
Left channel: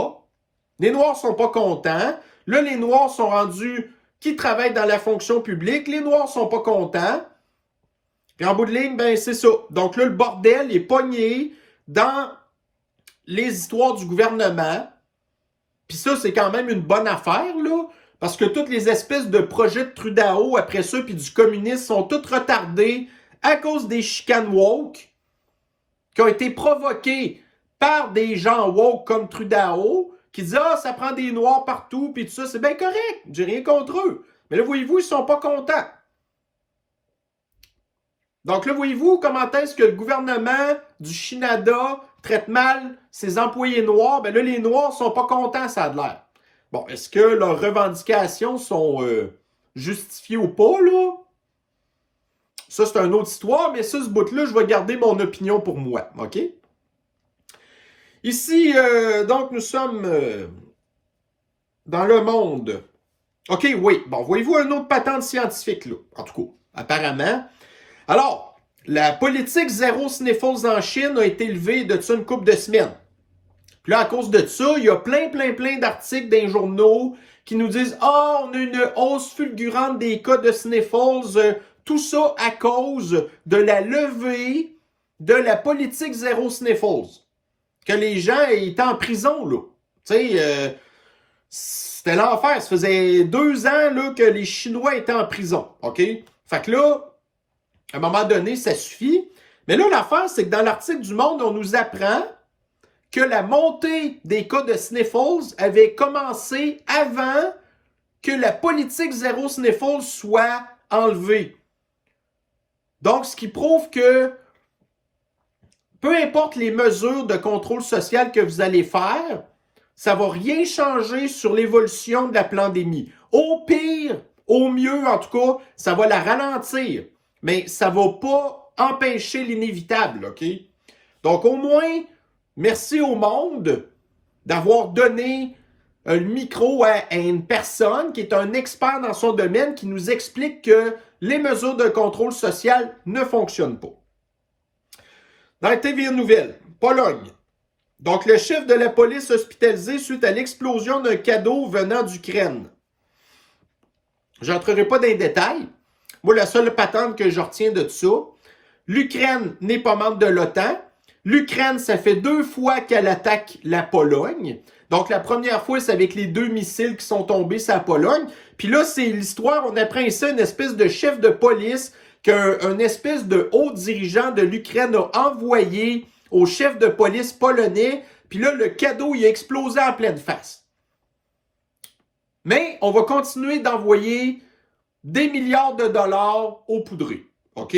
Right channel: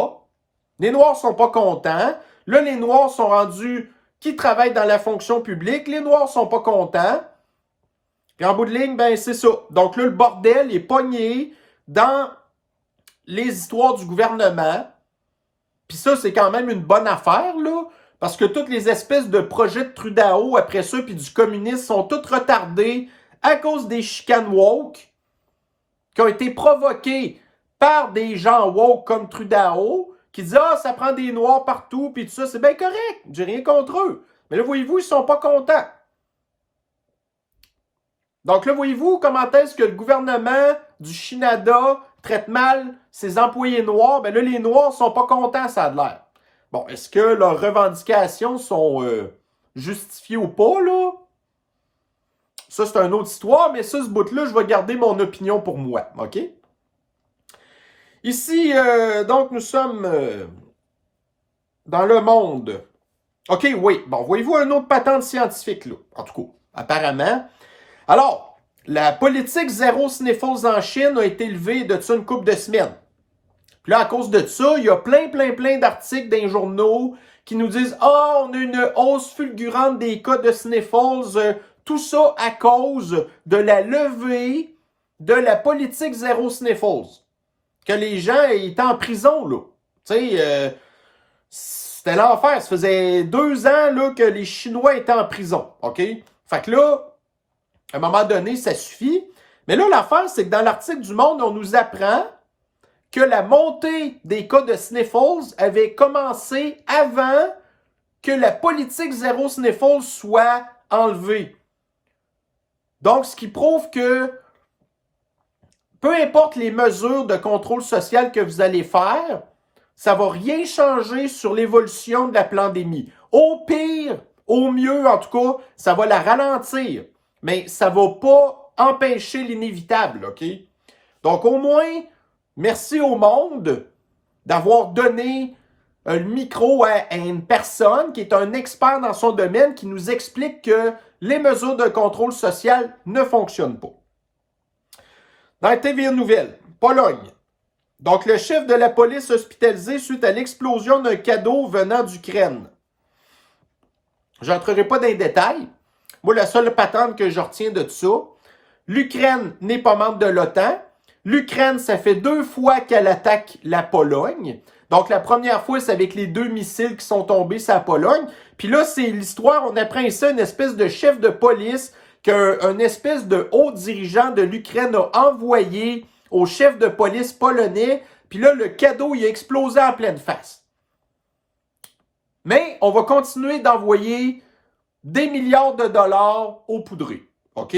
Les Noirs sont pas contents. Là, les Noirs sont rendus qui travaillent dans la fonction publique. Les Noirs sont pas contents. Puis en bout de ligne, ben c'est ça. Donc là, le bordel est pogné dans les histoires du gouvernement. Puis ça, c'est quand même une bonne affaire, là. Parce que toutes les espèces de projets de Trudeau, après ça, puis du communisme, sont toutes retardés à cause des chicanes woke qui ont été provoquées par des gens woke comme Trudeau, qui disent « Ah, ça prend des Noirs partout, puis tout ça, c'est bien correct, j'ai rien contre eux. » Mais là, voyez-vous, ils sont pas contents. Donc là, voyez-vous comment est-ce que le gouvernement du Canada traite mal ses employés noirs? Ben là, les Noirs sont pas contents, ça a de l'air. Bon, est-ce que leurs revendications sont justifiées ou pas, là? Ça, c'est une autre histoire, mais ça, ce bout-là, je vais garder mon opinion pour moi, OK? Ici, donc, nous sommes dans le monde. OK, oui. Bon, voyez-vous un autre patente scientifique, là? En tout cas, apparemment. Alors, la politique zéro sniffles en Chine a été levée de ça une couple de semaines. Puis là, à cause de ça, il y a plein d'articles dans les journaux qui nous disent « Ah, on a une hausse fulgurante des cas de sniffles. Tout ça à cause de la levée de la politique zéro sniffles. » Que les gens étaient en prison, là. Tu sais, c'était l'enfer. Ça faisait 2 ans là, que les Chinois étaient en prison, OK? Fait que là, à un moment donné, ça suffit. Mais là, l'affaire, c'est que dans l'article du Monde, on nous apprend que la montée des cas de sniffles avait commencé avant que la politique zéro sniffles soit enlevée. Donc, ce qui prouve que peu importe les mesures de contrôle social que vous allez faire, ça ne va rien changer sur l'évolution de la pandémie. Au pire, au mieux, en tout cas, ça va la ralentir. Mais ça ne va pas empêcher l'inévitable, OK? Donc, au moins, merci au monde d'avoir donné le micro à une personne qui est un expert dans son domaine qui nous explique que les mesures de contrôle social ne fonctionnent pas. Dans TVA Nouvelles, Pologne. Donc, le chef de la police hospitalisé suite à l'explosion d'un cadeau venant d'Ukraine. Je n'entrerai pas dans les détails. Moi, la seule patente que je retiens de tout ça, l'Ukraine n'est pas membre de l'OTAN. L'Ukraine, ça fait 2 fois qu'elle attaque la Pologne. Donc, la première fois, c'est avec les 2 missiles qui sont tombés sur la Pologne. Puis là, c'est l'histoire, on apprend ici une espèce de chef de police qu'un espèce de haut dirigeant de l'Ukraine a envoyé au chef de police polonais. Puis là, le cadeau, il a explosé en pleine face. Mais on va continuer d'envoyer des milliards de dollars aux poudreux. OK?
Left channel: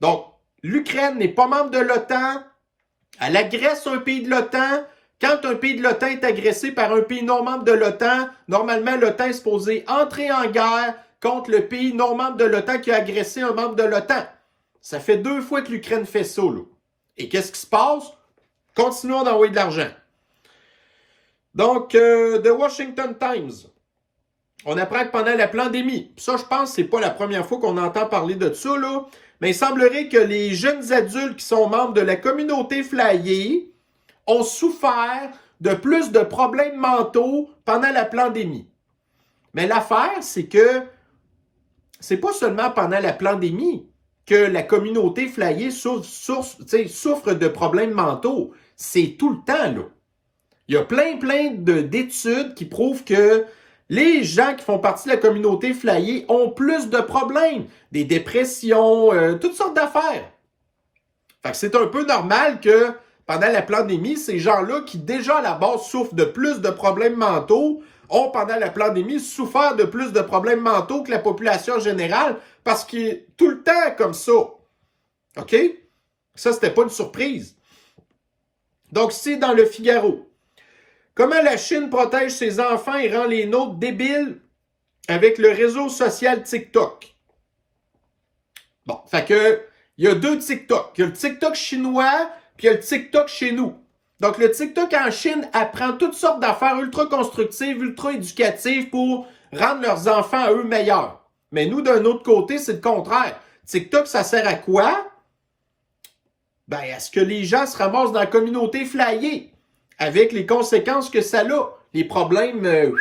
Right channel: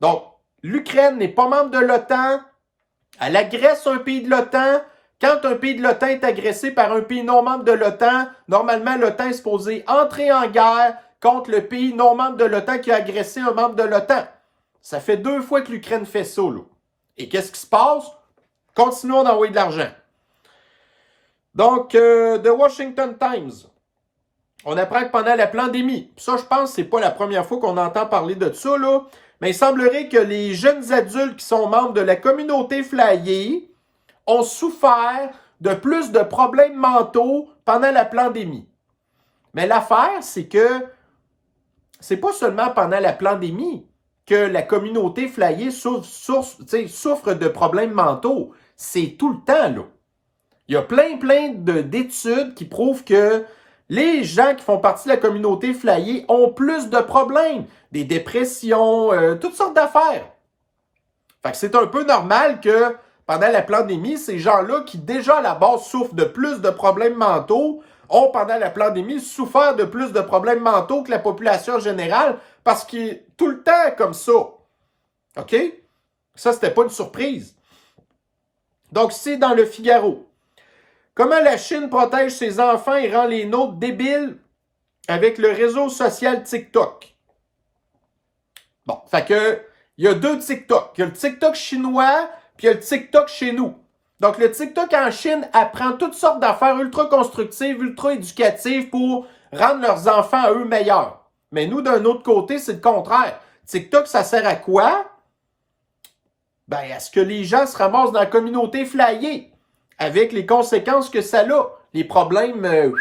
Donc, l'Ukraine n'est pas membre de l'OTAN. Elle agresse un pays de l'OTAN. Quand un pays de l'OTAN est agressé par un pays non membre de l'OTAN, normalement, l'OTAN est supposé entrer en guerre contre le pays non membre de l'OTAN qui a agressé un membre de l'OTAN. Ça fait 2 fois que l'Ukraine fait ça, là. Et qu'est-ce qui se passe? Continuons d'envoyer de l'argent. Donc, The Washington Times. On apprend que pendant la pandémie, ça, je pense que c'est pas la première fois qu'on entend parler de ça, là, mais il semblerait que les jeunes adultes qui sont membres de la communauté flyée ont souffert de plus de problèmes mentaux pendant la pandémie. Mais l'affaire, c'est que c'est pas seulement pendant la pandémie que la communauté flyée souffre de problèmes mentaux. C'est tout le temps, là. Il y a plein d'études qui prouvent que les gens qui font partie de la communauté flyée ont plus de problèmes, des dépressions, toutes sortes d'affaires. Fait que c'est un peu normal que pendant la pandémie, ces gens-là qui déjà à la base souffrent de plus de problèmes mentaux, ont pendant la pandémie souffert de plus de problèmes mentaux que la population générale parce qu'il est tout le temps comme ça. OK? Ça, c'était pas une surprise. Donc, c'est dans le Figaro. Comment la Chine protège ses enfants et rend les nôtres débiles avec le réseau social TikTok? Bon, fait que, il y a 2 TikTok. Il y a le TikTok chinois, puis il y a le TikTok chez nous. Donc, le TikTok en Chine apprend toutes sortes d'affaires ultra constructives, ultra éducatives pour rendre leurs enfants à eux meilleurs. Mais nous, d'un autre côté, c'est le contraire. TikTok, ça sert à quoi? Ben, à ce que les gens se ramassent dans la communauté flyée, avec les conséquences que ça a, les problèmes.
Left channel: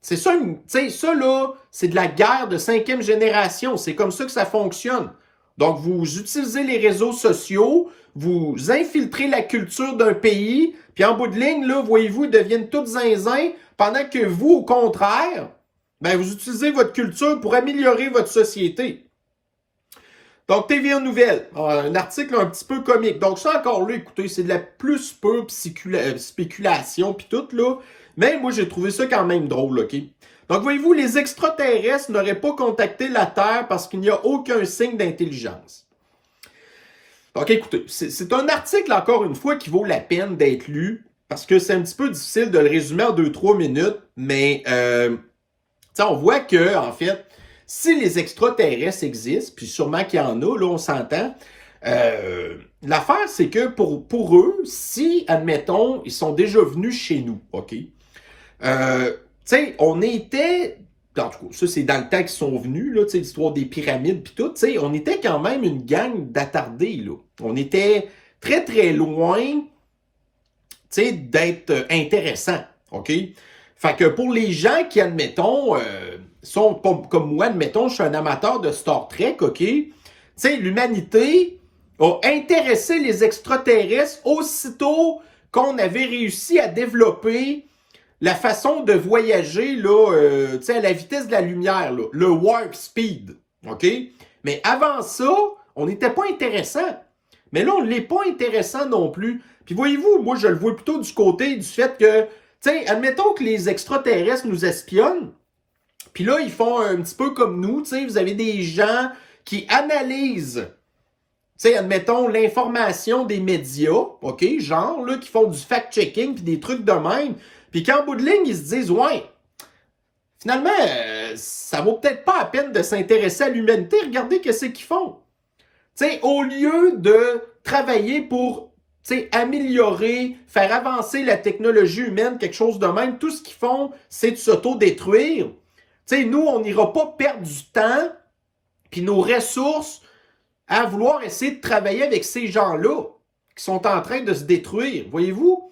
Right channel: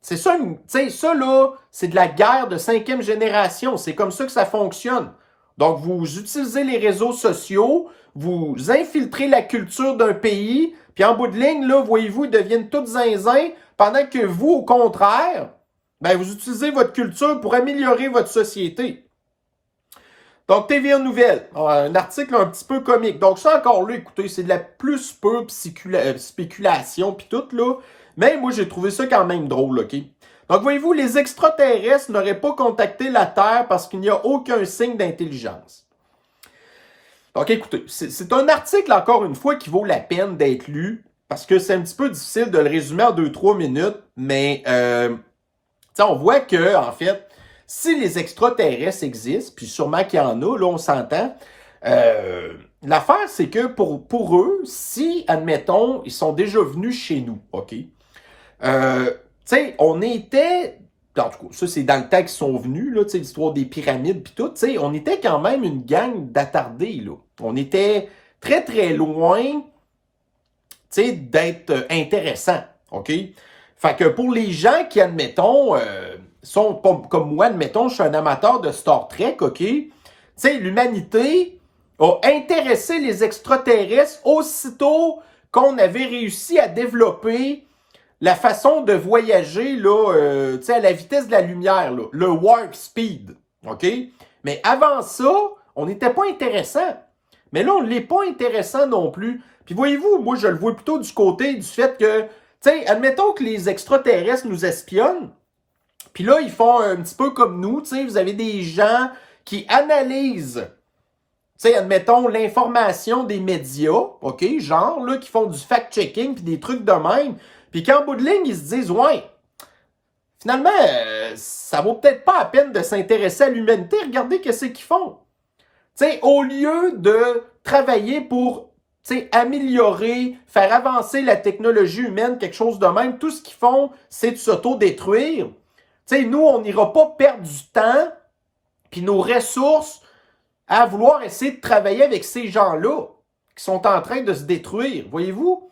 C'est ça, tu sais, ça là, c'est de la guerre de 5e génération. C'est comme ça que ça fonctionne. Donc, vous utilisez les réseaux sociaux, vous infiltrez la culture d'un pays, puis en bout de ligne, là, voyez-vous, ils deviennent tous zinzins, pendant que vous, au contraire, ben, vous utilisez votre culture pour améliorer votre société. Donc, TVA Nouvelles, un article un petit peu comique. Donc, ça encore là, écoutez, c'est de la plus pure spéculation puis tout, là. Mais moi, j'ai trouvé ça quand même drôle, OK? Donc, voyez-vous, les extraterrestres n'auraient pas contacté la Terre parce qu'il n'y a aucun signe d'intelligence. Donc, écoutez, c'est un article, encore une fois, qui vaut la peine d'être lu parce que c'est un petit peu difficile de le résumer en 2-3 minutes, mais on voit que, en fait, si les extraterrestres existent, puis sûrement qu'il y en a, là, on s'entend, l'affaire, c'est que pour eux, si, admettons, ils sont déjà venus chez nous, OK? On était, en tout cas, ça, c'est dans le temps qu'ils sont venus, là, l'histoire des pyramides, puis tout, on était quand même une gang d'attardés, là. On était très, très loin, d'être intéressant, OK? Fait que pour les gens qui, admettons, sont pas comme moi, admettons, je suis un amateur de Star Trek, OK? L'humanité a intéressé les extraterrestres aussitôt qu'on avait réussi à développer la façon de voyager là, à la vitesse de la lumière, là, le warp speed, OK? Mais avant ça, on n'était pas intéressant. Mais là, on ne l'est pas intéressant non plus. Puis voyez-vous, moi, je le vois plutôt du côté du fait que, admettons que les extraterrestres nous espionnent, puis là, ils font un petit peu comme nous, vous avez des gens qui analysent, admettons, l'information des médias, OK, genre, là, qui font du fact-checking puis des trucs de même, puis qu'en bout de ligne, ils se disent, ouais, finalement, ça vaut peut-être pas la peine de s'intéresser à l'humanité, regardez qu'est-ce qu'ils font. Au lieu de travailler pour, améliorer, faire avancer la technologie humaine, quelque chose de même. Tout ce qu'ils font, c'est de s'auto-détruire. Nous, on n'ira pas perdre du temps puis nos ressources à vouloir essayer de travailler avec ces gens-là qui sont en train de se détruire. Voyez-vous?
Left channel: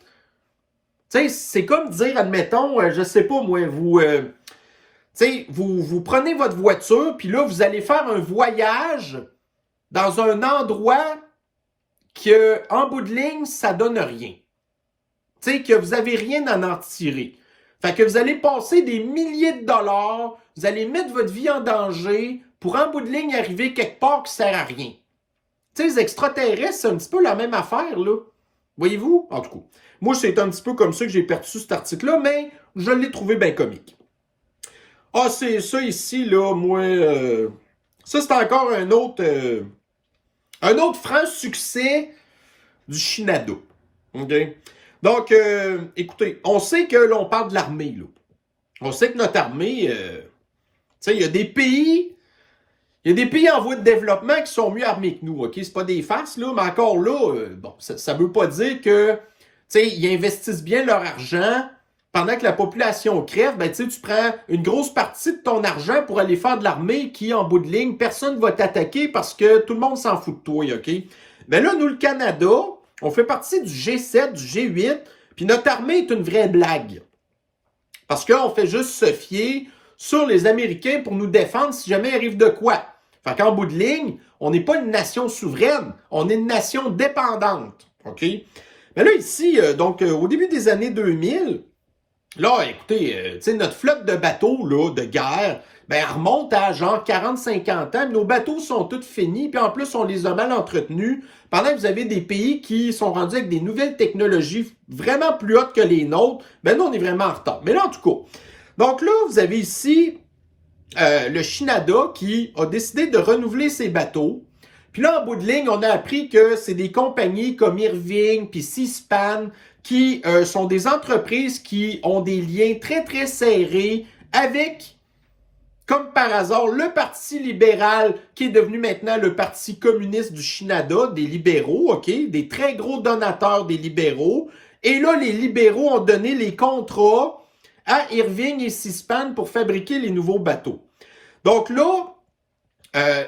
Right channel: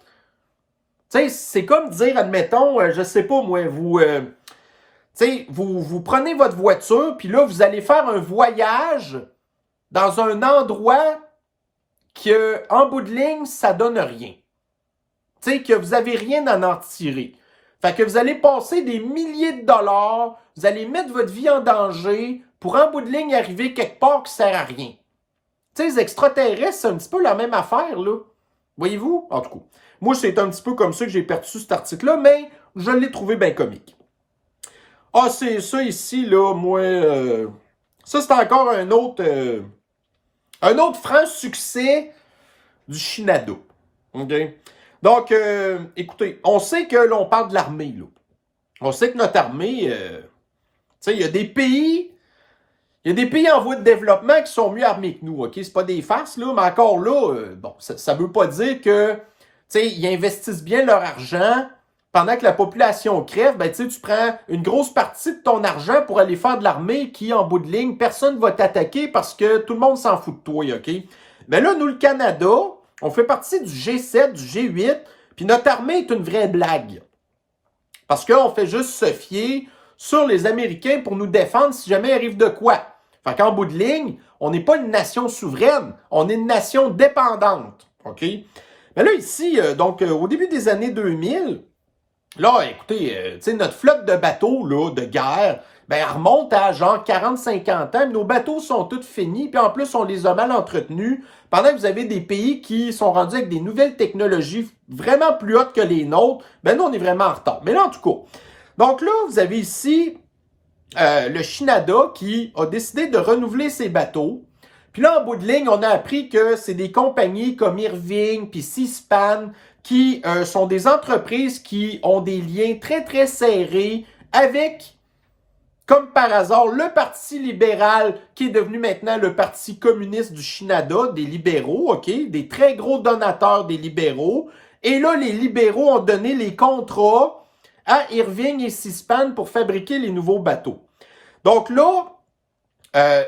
C'est comme dire, admettons, je sais pas moi, vous prenez votre voiture, puis là, vous allez faire un voyage dans un endroit que, en bout de ligne, ça donne rien. Que vous n'avez rien à en tirer. Fait que vous allez passer des milliers de dollars, vous allez mettre votre vie en danger pour, en bout de ligne, arriver quelque part qui ne sert à rien. Les extraterrestres, c'est un petit peu la même affaire, là. Voyez-vous? En tout cas, moi, c'est un petit peu comme ça que j'ai perçu cet article-là, mais je l'ai trouvé bien comique. Ah, c'est ça ici, là, moi... ça, c'est encore un autre franc succès du Shinado. OK? Donc, écoutez, on sait que l'on parle de l'armée, là. On sait que notre armée, il y a des pays... Il y a des pays en voie de développement qui sont mieux armés que nous, OK? C'est pas des farces, là, mais encore là, bon, ça veut pas dire que, ils investissent bien leur argent pendant que la population crève. Ben, tu prends une grosse partie de ton argent pour aller faire de l'armée qui, en bout de ligne, personne ne va t'attaquer parce que tout le monde s'en fout de toi, OK? Mais là, nous, le Canada, on fait partie du G7, du G8, puis notre armée est une vraie blague. Parce qu'on fait juste se fier sur les Américains pour nous défendre si jamais il arrive de quoi. Fait qu'en bout de ligne, on n'est pas une nation souveraine, on est une nation dépendante. OK? Mais là, ici, au début des années 2000, là, écoutez, notre flotte de bateaux là, de guerre, ben, elle remonte à genre 40-50 ans. Nos bateaux sont tous finis, puis en plus, on les a mal entretenus. Pendant que vous avez des pays qui sont rendus avec des nouvelles technologies vraiment plus hautes que les nôtres, ben nous, on est vraiment en retard. Mais là, en tout cas, donc là, vous avez ici le Shinada qui a décidé de renouveler ses bateaux. Puis là, en bout de ligne, on a appris que c'est des compagnies comme Irving puis Seaspan qui sont des entreprises qui ont des liens très, très serrés avec, comme par hasard, le Parti libéral qui est devenu maintenant le Parti communiste du Shinada, des libéraux, OK? Des très gros donateurs des libéraux. Et là, les libéraux ont donné les contrats à Irving et Seaspan pour fabriquer les nouveaux bateaux. Donc là,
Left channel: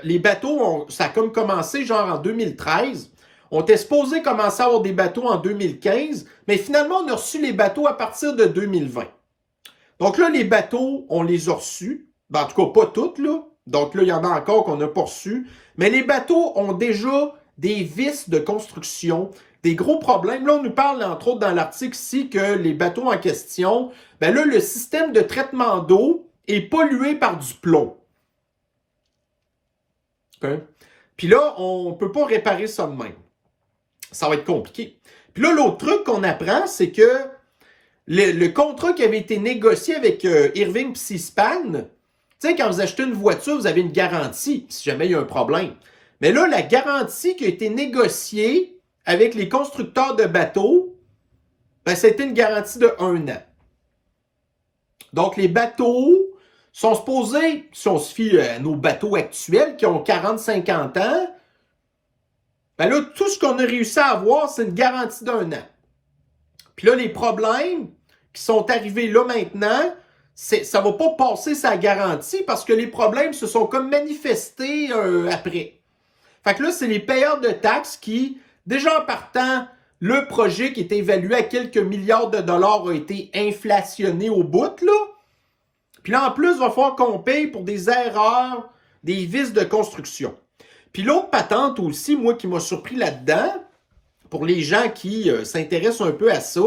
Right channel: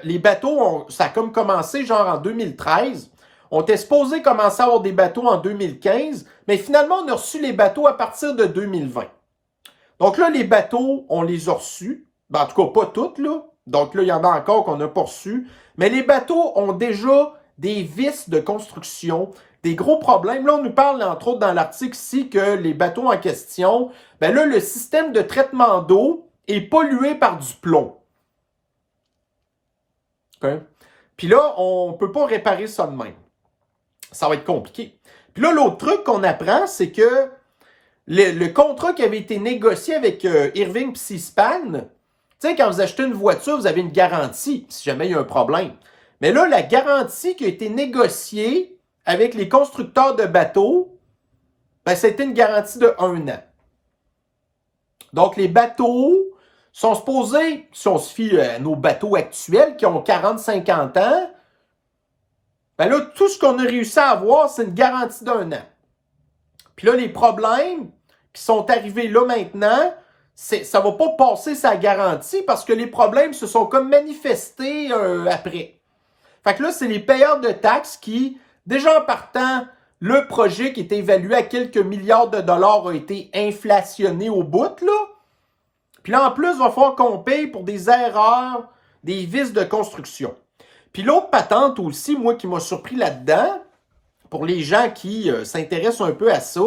les bateaux, ça a comme commencé genre en 2013. On était supposé commencer à avoir des bateaux en 2015, mais finalement, on a reçu les bateaux à partir de 2020. Donc là, les bateaux, on les a reçus. Ben, en tout cas, pas toutes, là. Donc là, il y en a encore qu'on n'a pas reçus. Mais les bateaux ont déjà des vices de construction, des gros problèmes. Là, on nous parle, entre autres, dans l'article ici, que les bateaux en question, ben là, le système de traitement d'eau est pollué par du plomb. Okay. Puis là, on ne peut pas réparer ça de même. Ça va être compliqué. Puis là, l'autre truc qu'on apprend, c'est que le contrat qui avait été négocié avec Irving et Seaspan, quand vous achetez une voiture, vous avez une garantie si jamais il y a un problème. Mais là, la garantie qui a été négociée avec les constructeurs de bateaux, ben, c'était une garantie de 1 an. Donc, les bateaux sont supposés, si on se fie à nos bateaux actuels qui ont 40-50 ans, ben là, tout ce qu'on a réussi à avoir, c'est une garantie d'1 an. Puis là, les problèmes qui sont arrivés là maintenant, ça ne va pas passer sa garantie parce que les problèmes se sont comme manifestés après. Fait que là, c'est les payeurs de taxes qui, déjà en partant, le projet qui était évalué à quelques milliards de dollars a été inflationné au bout, là. Puis là, en plus, il va falloir qu'on paye pour des erreurs, des vices de construction. Puis l'autre patente aussi, moi, qui m'a surpris là-dedans, pour les gens qui s'intéressent un peu à ça.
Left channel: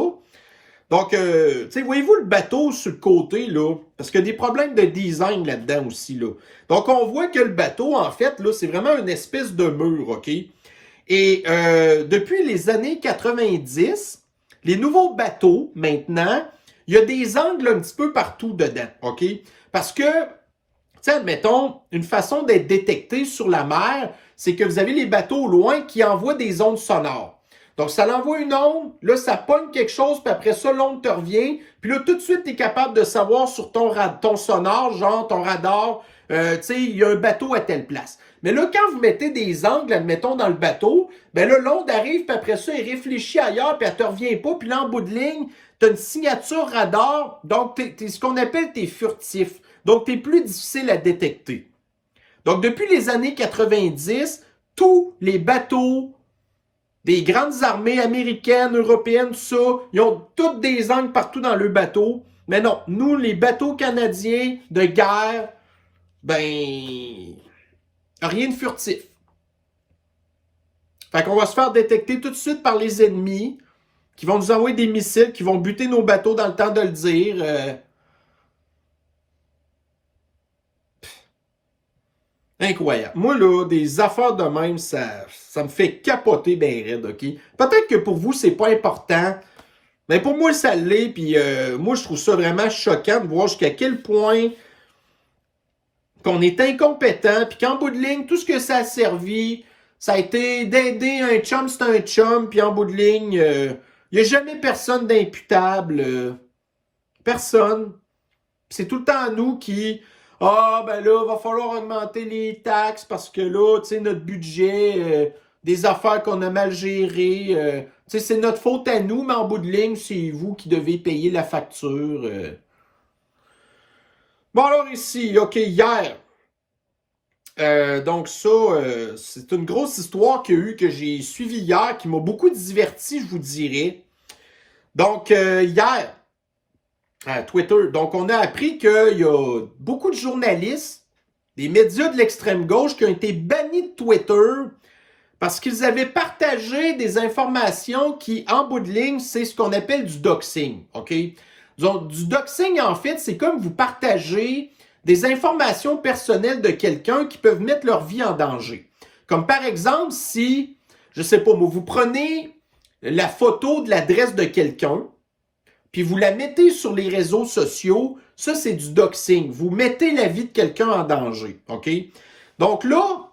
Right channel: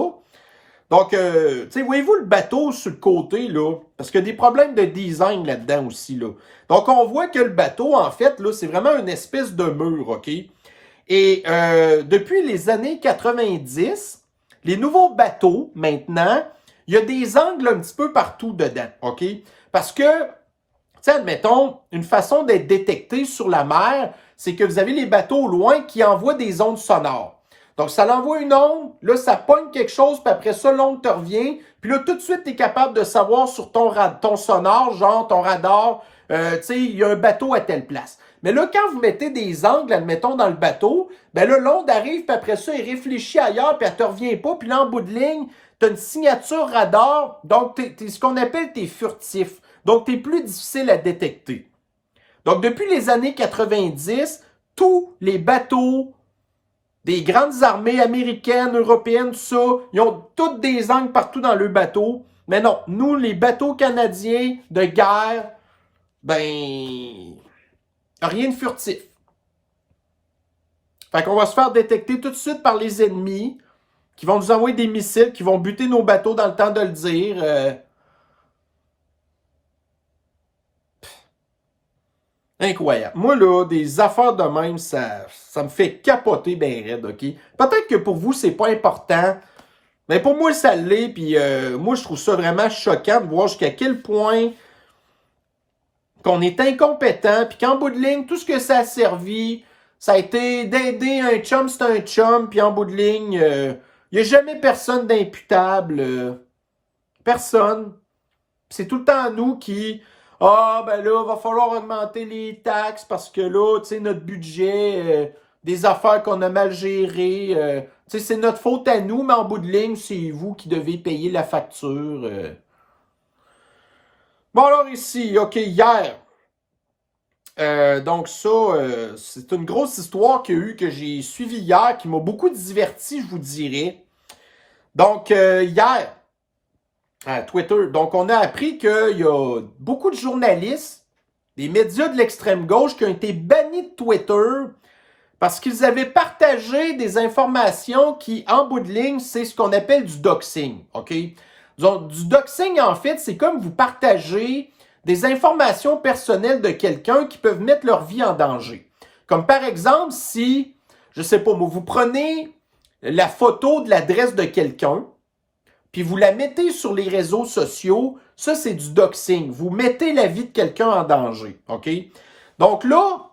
Donc, voyez-vous le bateau sur le côté, là? Parce qu'il y a des problèmes de design là-dedans aussi, là. Donc, on voit que le bateau, en fait, là, c'est vraiment une espèce de mur, OK? Et depuis les années 90, les nouveaux bateaux, maintenant, il y a des angles un petit peu partout dedans, OK? Parce que, admettons, une façon d'être détecté sur la mer, c'est que vous avez les bateaux au loin qui envoient des ondes sonores. Donc, ça l'envoie une onde, là, ça pogne quelque chose, puis après ça, l'onde te revient. Puis là, tout de suite, tu es capable de savoir sur ton sonore, genre ton radar, il y a un bateau à telle place. Mais là, quand vous mettez des angles, admettons, dans le bateau, ben là, l'onde arrive, puis après ça, il réfléchit ailleurs, puis elle te revient pas, puis là, en bout de ligne, tu as une signature radar, donc t'es ce qu'on appelle t'es furtif. Donc, t'es plus difficile à détecter. Donc, depuis les années 90, tous les bateaux des grandes armées américaines, européennes, tout ça, ils ont toutes des angles partout dans le bateau. Mais non, nous, les bateaux canadiens de guerre, ben, rien de furtif. Fait qu'on va se faire détecter tout de suite par les ennemis qui vont nous envoyer des missiles, qui vont buter nos bateaux dans le temps de le dire. Incroyable. Moi, là, des affaires de même, ça me fait capoter ben raide, OK? Peut-être que pour vous, c'est pas important, mais pour moi, ça l'est, puis moi, je trouve ça vraiment choquant de voir jusqu'à quel point qu'on est incompétent, puis qu'en bout de ligne, tout ce que ça a servi, ça a été d'aider un chum, c'est un chum, puis en bout de ligne, il n'y a jamais personne d'imputable. Personne. C'est tout le temps à nous qui... Ah, ben là, va falloir augmenter les taxes parce que là, tu sais, notre budget, des affaires qu'on a mal gérées, tu sais, c'est notre faute à nous, mais en bout de ligne, c'est vous qui devez payer la facture. Bon, alors ici, OK, hier, donc ça, c'est une grosse histoire qu'il y a eu, que j'ai suivie hier, qui m'a beaucoup diverti, je vous dirais. Donc, hier, à Twitter, donc on a appris qu'il y a beaucoup de journalistes, des médias de l'extrême gauche qui ont été bannis de Twitter parce qu'ils avaient partagé des informations qui, en bout de ligne, c'est ce qu'on appelle du doxing, OK? Donc, du doxing, en fait, c'est comme vous partagez des informations personnelles de quelqu'un qui peuvent mettre leur vie en danger. Comme par exemple, si, je sais pas moi, vous prenez la photo de l'adresse de quelqu'un, puis vous la mettez sur les réseaux sociaux, ça, c'est du doxing. Vous mettez la vie de quelqu'un en danger, OK? Donc là,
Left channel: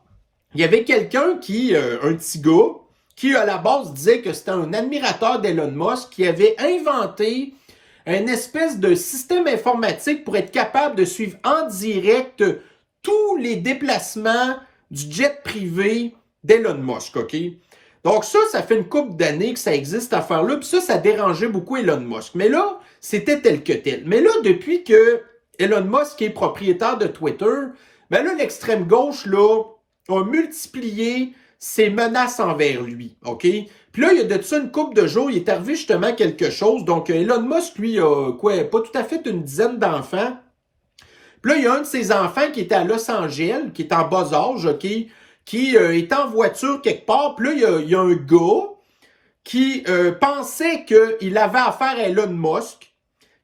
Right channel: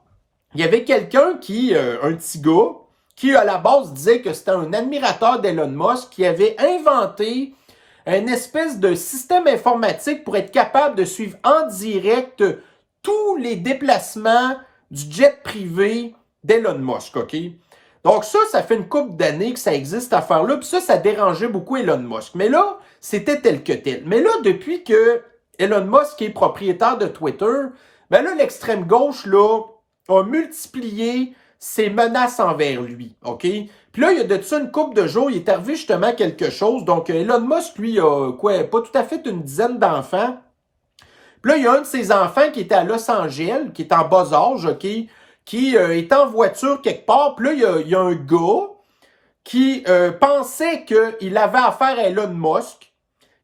il y avait quelqu'un qui, un petit gars, qui à la base disait que c'était un admirateur d'Elon Musk, qui avait inventé une espèce de système informatique pour être capable de suivre en direct tous les déplacements du jet privé d'Elon Musk, OK? Donc ça fait une couple d'années que ça existe, cette affaire-là, puis ça dérangeait beaucoup Elon Musk. Mais là, c'était tel que tel. Mais là, depuis que Elon Musk est propriétaire de Twitter, ben là, l'extrême gauche, là, a multiplié ses menaces envers lui, OK? Puis là, il y a de ça une couple de jours, il est arrivé justement quelque chose. Donc, Elon Musk, lui, a quoi, pas tout à fait une dizaine d'enfants. Puis là, il y a un de ses enfants qui était à Los Angeles, qui est en bas âge, OK? Qui est en voiture quelque part. Puis là, il y a un gars qui pensait qu'il avait affaire à Elon Musk,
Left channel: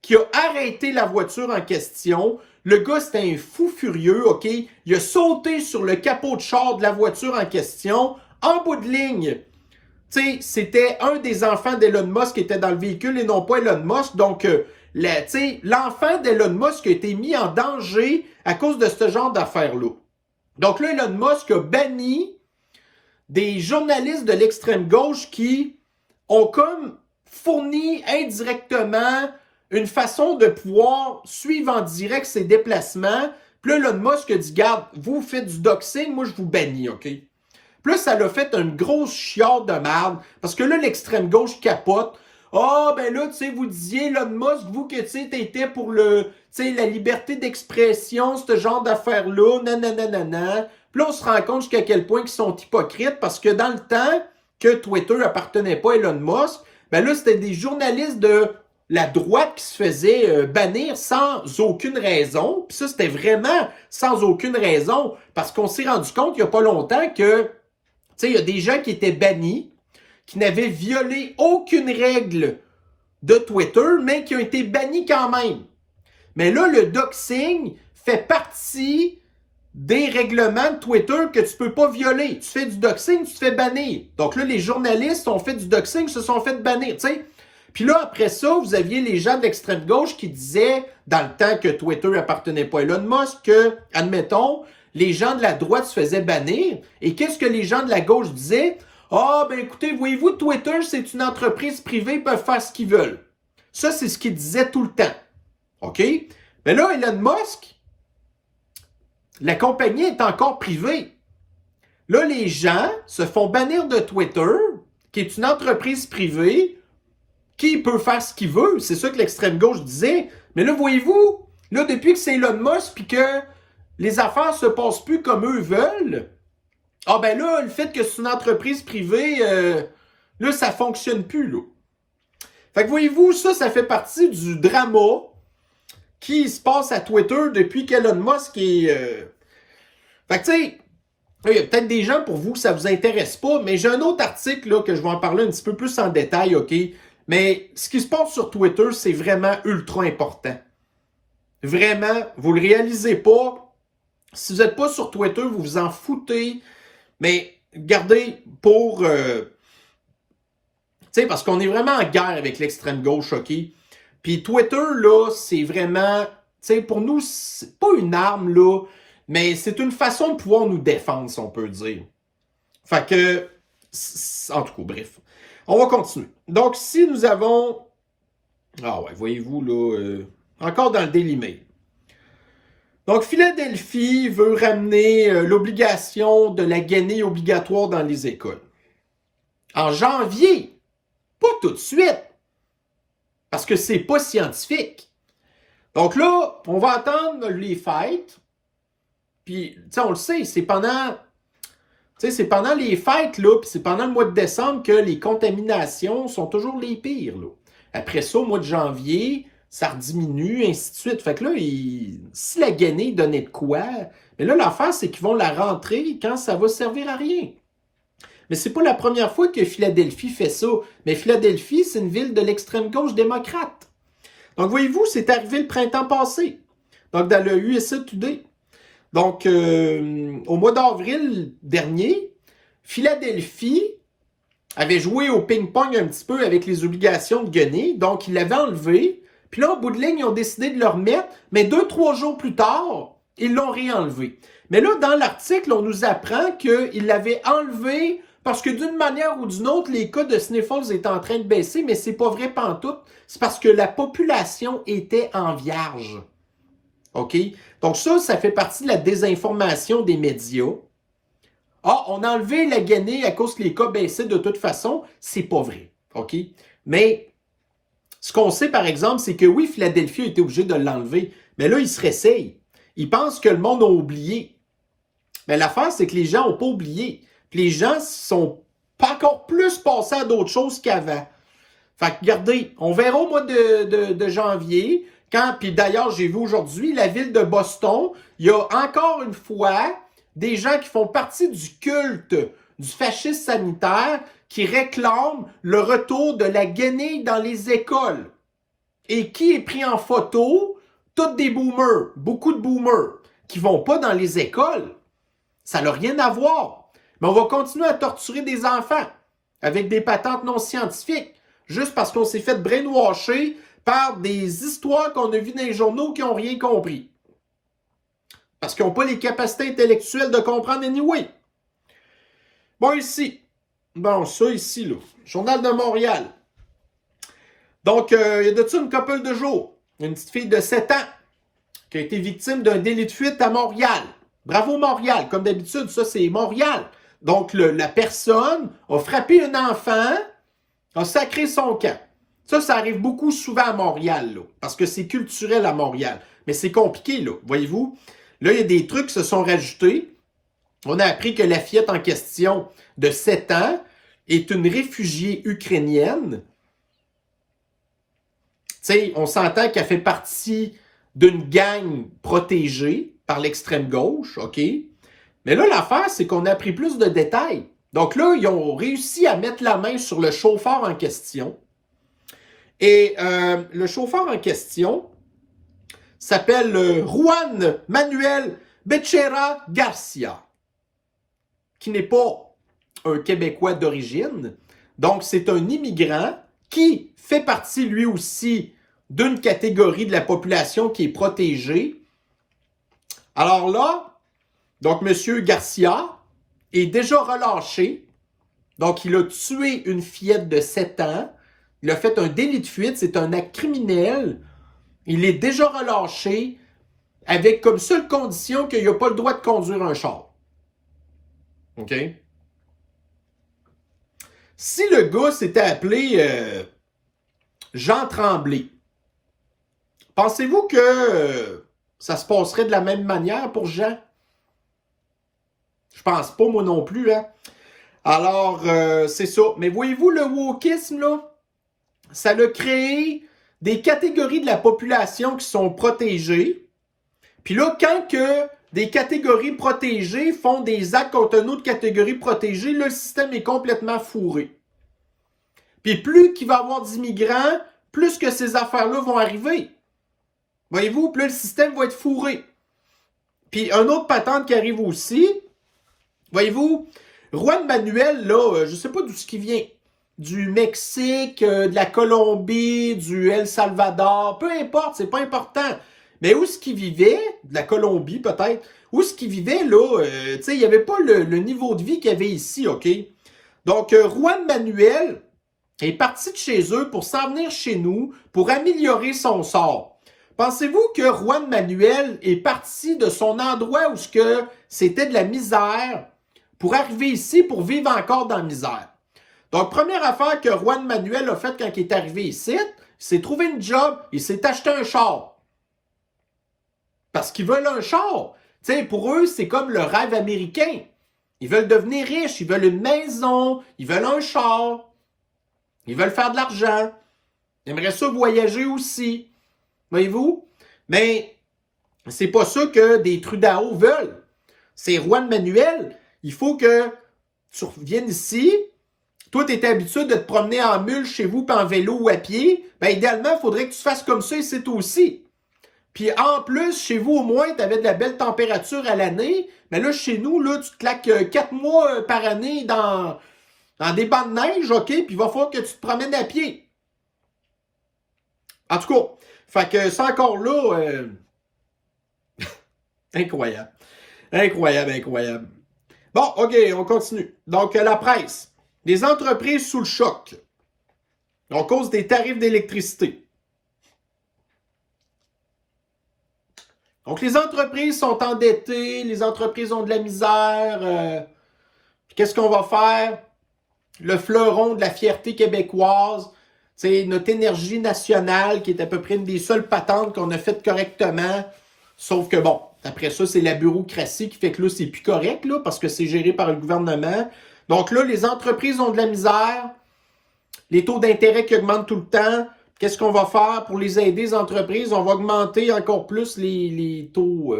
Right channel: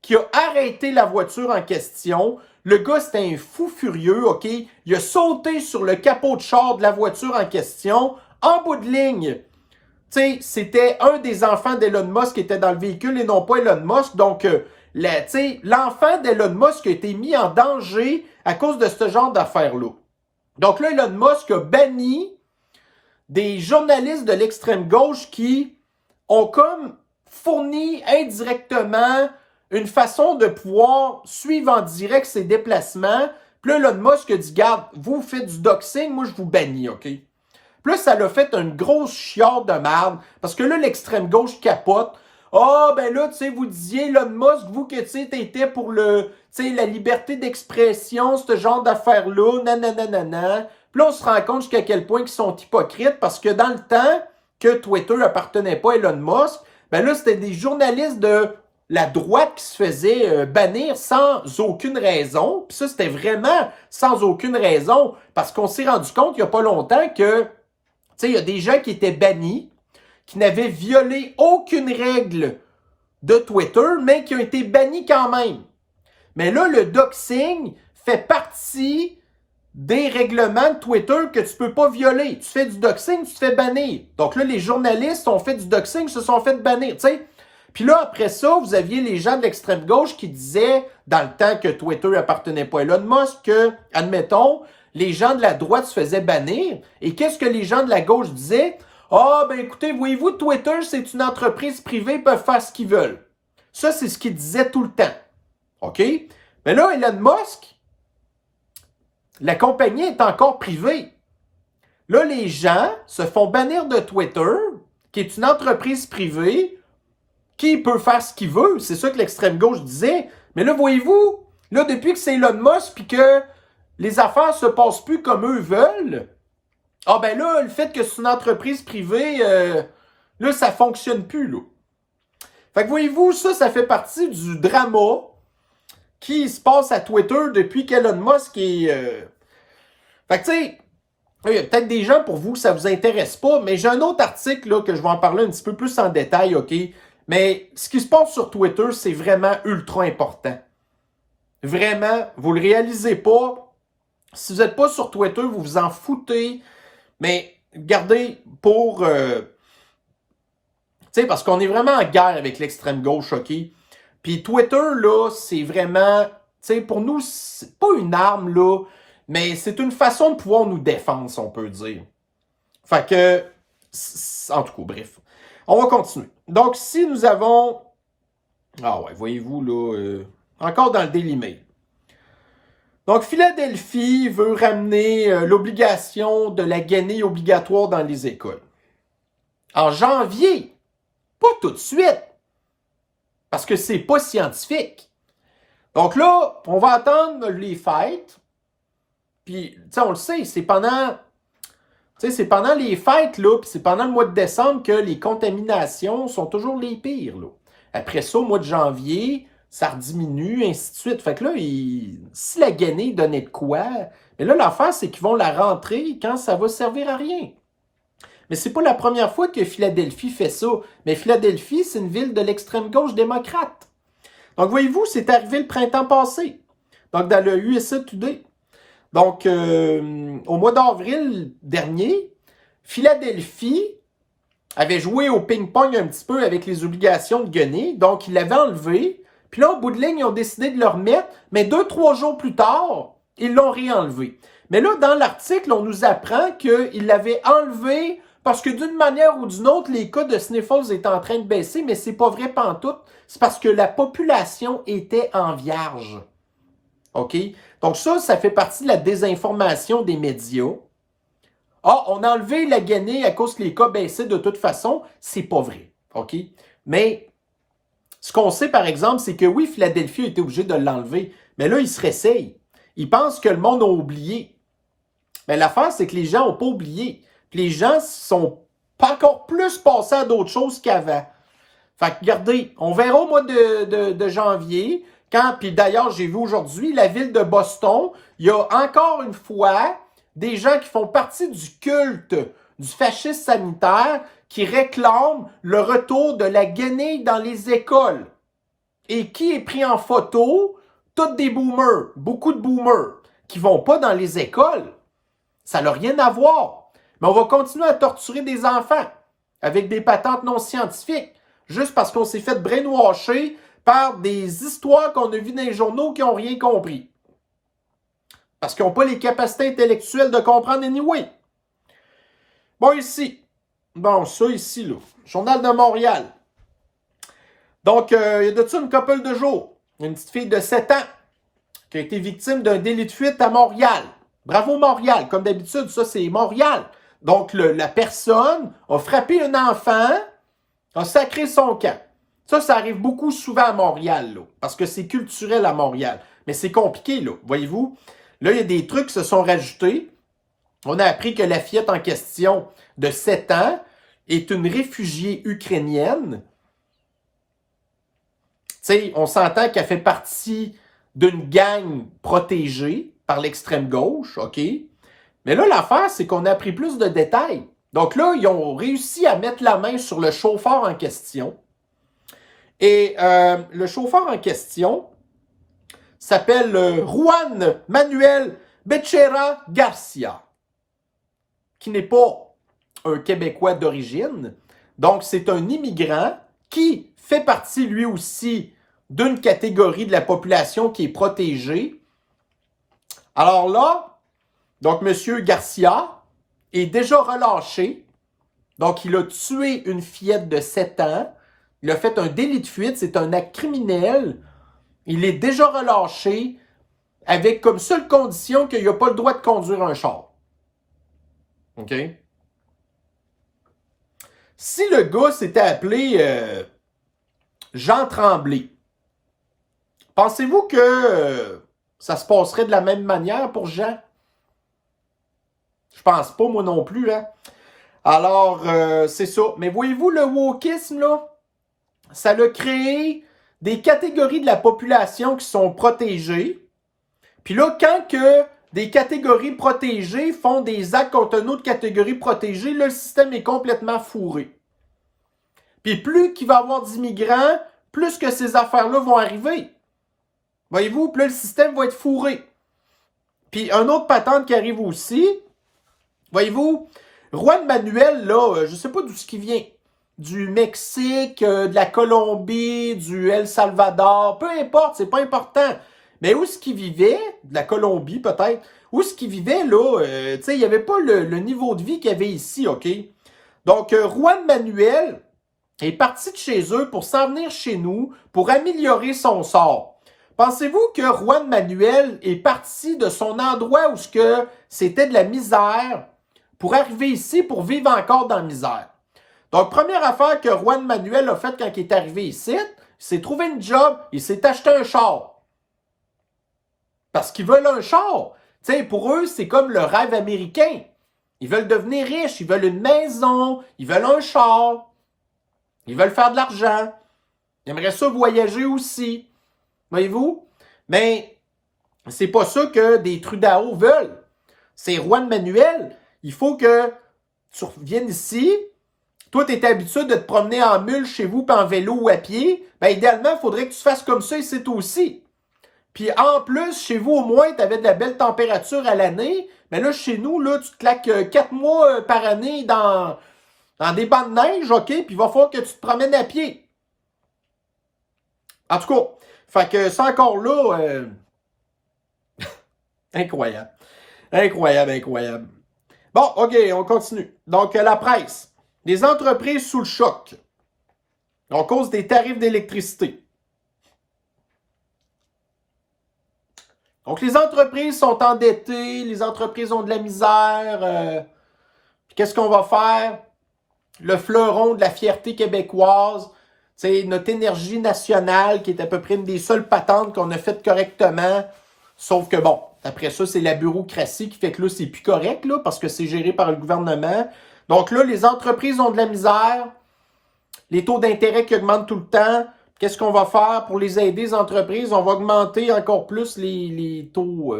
qui a arrêté la voiture en question. Le gars, c'était un fou furieux, OK? Il a sauté sur le capot de char de la voiture en question. En bout de ligne, tu sais, c'était un des enfants d'Elon Musk qui était dans le véhicule et non pas Elon Musk. Donc, l'enfant d'Elon Musk a été mis en danger à cause de ce genre d'affaires-là. Donc là, Elon Musk a banni des journalistes de l'extrême gauche qui ont comme fourni indirectement une façon de pouvoir suivre en direct ses déplacements. Puis là, Elon Musk a dit, garde, vous faites du doxing, moi je vous bannis, OK? Puis là, ça l'a fait une grosse chiale de merde, parce que là, l'extrême gauche capote. Ah, ben là, tu sais, vous disiez, Elon Musk, vous que, tu sais, t'étais pour le, tu sais, la liberté d'expression, ce genre d'affaires-là, nanana. Puis là, on se rend compte jusqu'à quel point ils sont hypocrites, parce que dans le temps que Twitter appartenait pas à Elon Musk, ben là, c'était des journalistes de la droite qui se faisaient bannir sans aucune raison. Puis ça, c'était vraiment sans aucune raison, parce qu'on s'est rendu compte il n'y a pas longtemps que, tu sais, il y a des gens qui étaient bannis, qui n'avaient violé aucune règle de Twitter, mais qui ont été bannis quand même. Mais là, le doxing fait partie des règlements de Twitter que tu peux pas violer. Tu fais du doxing, tu te fais bannir. Donc là, les journalistes ont fait du doxing, se sont fait bannir, tu sais. Puis là, après ça, vous aviez les gens de l'extrême gauche qui disaient, dans le temps que Twitter appartenait pas à Elon Musk, que, admettons, les gens de la droite se faisaient bannir. Et qu'est-ce que les gens de la gauche disaient? Ah, ben écoutez, voyez-vous, Twitter, c'est une entreprise privée, ils peuvent faire ce qu'ils veulent. Ça, c'est ce qu'ils disaient tout le temps. OK? Mais là, Elon Musk, la compagnie est encore privée. Là, les gens se font bannir de Twitter, qui est une entreprise privée, qui peut faire ce qu'il veut. C'est ça que l'extrême gauche disait. Mais là, voyez-vous, là, depuis que c'est Elon Musk, puis que les affaires se passent plus comme eux veulent, ah ben là, le fait que c'est une entreprise privée, là, ça fonctionne plus, là. Fait que voyez-vous, ça fait partie du drama qui se passe à Twitter depuis qu'Elon Musk est... Fait que tu sais, il y a peut-être des gens pour vous, ça vous intéresse pas, mais j'ai un autre article là, que je vais en parler un petit peu plus en détail, OK? Mais ce qui se passe sur Twitter, c'est vraiment ultra important. Vraiment, vous le réalisez pas. Si vous n'êtes pas sur Twitter, vous vous en foutez. Mais regardez, pour... tu sais, parce qu'on est vraiment en guerre avec l'extrême gauche, OK? Puis Twitter, là, c'est vraiment... Tu sais, pour nous, c'est pas une arme, là, mais c'est une façon de pouvoir nous défendre, si on peut dire. Fait que... En tout cas, bref. On va continuer. Donc, si nous avons... Ah ouais, voyez-vous, là... encore dans le Daily Mail. Donc, Philadelphie veut ramener l'obligation de la guenille obligatoire dans les écoles. En janvier, pas tout de suite, parce que c'est pas scientifique. Donc là, on va attendre les fêtes, puis, tu sais, on le sait, c'est pendant les fêtes, là, puis c'est pendant le mois de décembre que les contaminations sont toujours les pires, là. Après ça, au mois de janvier, ça rediminue, ainsi de suite. Fait que là, si la guenille donnait de quoi, mais là, l'affaire, c'est qu'ils vont la rentrer quand ça va servir à rien. Mais c'est pas la première fois que Philadelphie fait ça. Mais Philadelphie, c'est une ville de l'extrême gauche démocrate. Donc, voyez-vous, c'est arrivé le printemps passé. Donc, dans le USA Today. Donc, au mois d'avril dernier, Philadelphie avait joué au ping-pong un petit peu avec les obligations de guenille. Donc, ils l'avaient enlevé. Puis là, au bout de ligne, ils ont décidé de le remettre. Mais 2-3 jours plus tard, ils l'ont réenlevé. Mais là, dans l'article, on nous apprend qu'ils l'avaient enlevé parce que d'une manière ou d'une autre, les cas de sniffles étaient en train de baisser, mais c'est pas vrai pantoute. C'est parce que la population était en vierge. OK? Donc ça fait partie de la désinformation des médias. Ah, on a enlevé la guenille à cause que les cas baissaient de toute façon. C'est pas vrai. OK? Mais ce qu'on sait, par exemple, c'est que oui, Philadelphie a été obligé de l'enlever. Mais là, ils se réessayent. Ils pensent que le monde a oublié. Mais l'affaire, c'est que les gens n'ont pas oublié. Puis les gens sont pas encore plus passés à d'autres choses qu'avant. Fait que, regardez, on verra au mois de janvier, puis d'ailleurs, j'ai vu aujourd'hui, la ville de Boston, il y a encore une fois des gens qui font partie du culte du fascisme sanitaire qui réclament le retour de la guenille dans les écoles. Et qui est pris en photo? Tous des boomers, beaucoup de boomers, qui vont pas dans les écoles. Ça n'a rien à voir. Mais on va continuer à torturer des enfants avec des patentes non scientifiques, juste parce qu'on s'est fait brainwasher par des histoires qu'on a vues dans les journaux qui n'ont rien compris. Parce qu'ils n'ont pas les capacités intellectuelles de comprendre anyway. Bon, ici. Bon, ça ici, là. Journal de Montréal. Donc, il y a de ça une couple de jours. Une petite fille de 7 ans qui a été victime d'un délit de fuite à Montréal. Bravo Montréal. Comme d'habitude, ça, c'est Montréal. Donc, la personne a frappé un enfant, a sacré son camp. Ça arrive beaucoup souvent à Montréal, là, parce que c'est culturel à Montréal. Mais c'est compliqué, là, voyez-vous. Là, il y a des trucs qui se sont rajoutés. On a appris que la fillette en question de 7 ans est une réfugiée ukrainienne. Tu sais, on s'entend qu'elle fait partie d'une gang protégée par l'extrême gauche, OK? Mais là, l'affaire, c'est qu'on a appris plus de détails. Donc là, ils ont réussi à mettre la main sur le chauffeur en question. Et le chauffeur en question s'appelle Juan Manuel Becerra Garcia, qui n'est pas un Québécois d'origine. Donc, c'est un immigrant qui fait partie, lui aussi, d'une catégorie de la population qui est protégée. Alors là, donc, M. Garcia est déjà relâché. Donc, il a tué une fillette de 7 ans. Il a fait un délit de fuite. C'est un acte criminel. Il est déjà relâché avec comme seule condition qu'il n'a pas le droit de conduire un char. OK? Si le gars s'était appelé Jean Tremblay, pensez-vous que ça se passerait de la même manière pour Jean? Je pense pas, moi non plus, hein? Alors, c'est ça. Mais voyez-vous, le wokisme, là, ça a créé des catégories de la population qui sont protégées. Puis là, quand que des catégories protégées font des actes contre une autre catégorie protégée, là, le système est complètement fourré. Puis plus qu'il va y avoir d'immigrants, plus que ces affaires-là vont arriver. Voyez-vous, plus le système va être fourré. Puis un autre patente qui arrive aussi, voyez-vous, Juan Manuel, là, je ne sais pas d'où ce qui vient. Du Mexique, de la Colombie, du El Salvador, peu importe, c'est pas important. Mais où est-ce qu'il vivait, de la Colombie peut-être, où est-ce qu'il vivait, là, tu sais, il n'y avait pas le niveau de vie qu'il y avait ici, OK? Donc, Juan Manuel est parti de chez eux pour s'en venir chez nous, pour améliorer son sort. Pensez-vous que Juan Manuel est parti de son endroit où c'était de la misère pour arriver ici pour vivre encore dans la misère? Donc, première affaire que Juan Manuel a faite quand il est arrivé ici, il s'est trouvé une job, il s'est acheté un char. Parce qu'ils veulent un char. Tu sais, pour eux, c'est comme le rêve américain. Ils veulent devenir riches, ils veulent une maison, ils veulent un char, ils veulent faire de l'argent. Ils aimeraient ça voyager aussi. Voyez-vous? Mais c'est pas ça que des Trudeau veulent. C'est Juan Manuel. Il faut que tu reviennes ici. Toi, tu es habitué de te promener en mule chez vous, puis en vélo ou à pied. Ben, idéalement, il faudrait que tu fasses comme ça ici aussi. Puis en plus, chez vous, au moins, tu avais de la belle température à l'année. Mais là, chez nous, là, tu te claques 4 mois par année dans des bancs de neige, OK? Puis il va falloir que tu te promènes à pied. En tout cas, fait que c'est encore là... incroyable. Incroyable, incroyable. Bon, OK, on continue. Donc, la presse. Les entreprises sous le choc. À cause des tarifs d'électricité. Donc, les entreprises sont endettées, les entreprises ont de la misère. Qu'est-ce qu'on va faire? Le fleuron de la fierté québécoise, c'est notre énergie nationale qui est à peu près une des seules patentes qu'on a faites correctement. Sauf que bon, après ça, c'est la bureaucratie qui fait que là, c'est plus correct, là, parce que c'est géré par le gouvernement. Donc là, les entreprises ont de la misère, les taux d'intérêt qui augmentent tout le temps. Qu'est-ce qu'on va faire pour les aider, les entreprises? On va augmenter encore plus les taux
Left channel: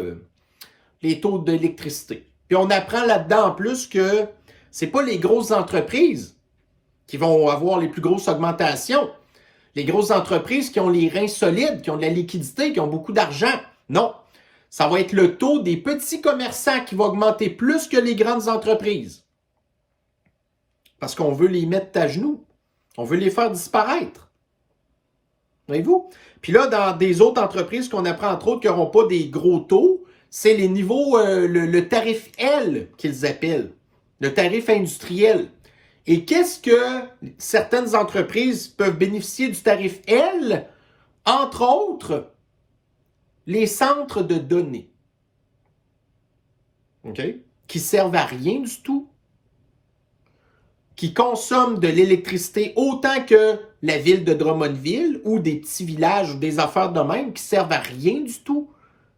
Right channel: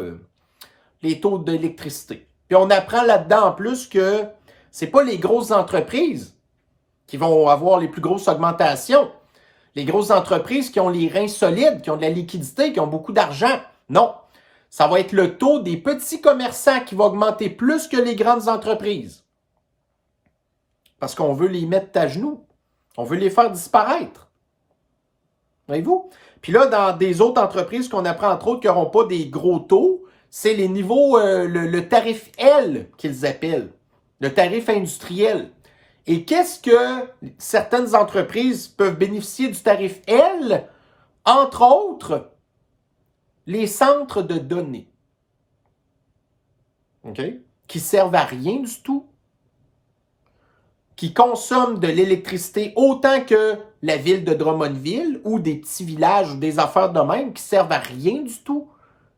d'électricité. Puis on apprend là-dedans en plus que c'est pas les grosses entreprises qui vont avoir les plus grosses augmentations. Les grosses entreprises qui ont les reins solides, qui ont de la liquidité, qui ont beaucoup d'argent. Non. Ça va être le taux des petits commerçants qui va augmenter plus que les grandes entreprises. Parce qu'on veut les mettre à genoux. On veut les faire disparaître. Voyez-vous? Puis là, dans des autres entreprises qu'on apprend entre autres qui n'auront pas des gros taux, c'est les niveaux, le tarif L qu'ils appellent. Le tarif industriel. Et qu'est-ce que certaines entreprises peuvent bénéficier du tarif L? Entre autres, les centres de données. OK? Qui servent à rien du tout. Qui consomment de l'électricité autant que la ville de Drummondville ou des petits villages ou des affaires de même qui servent à rien du tout.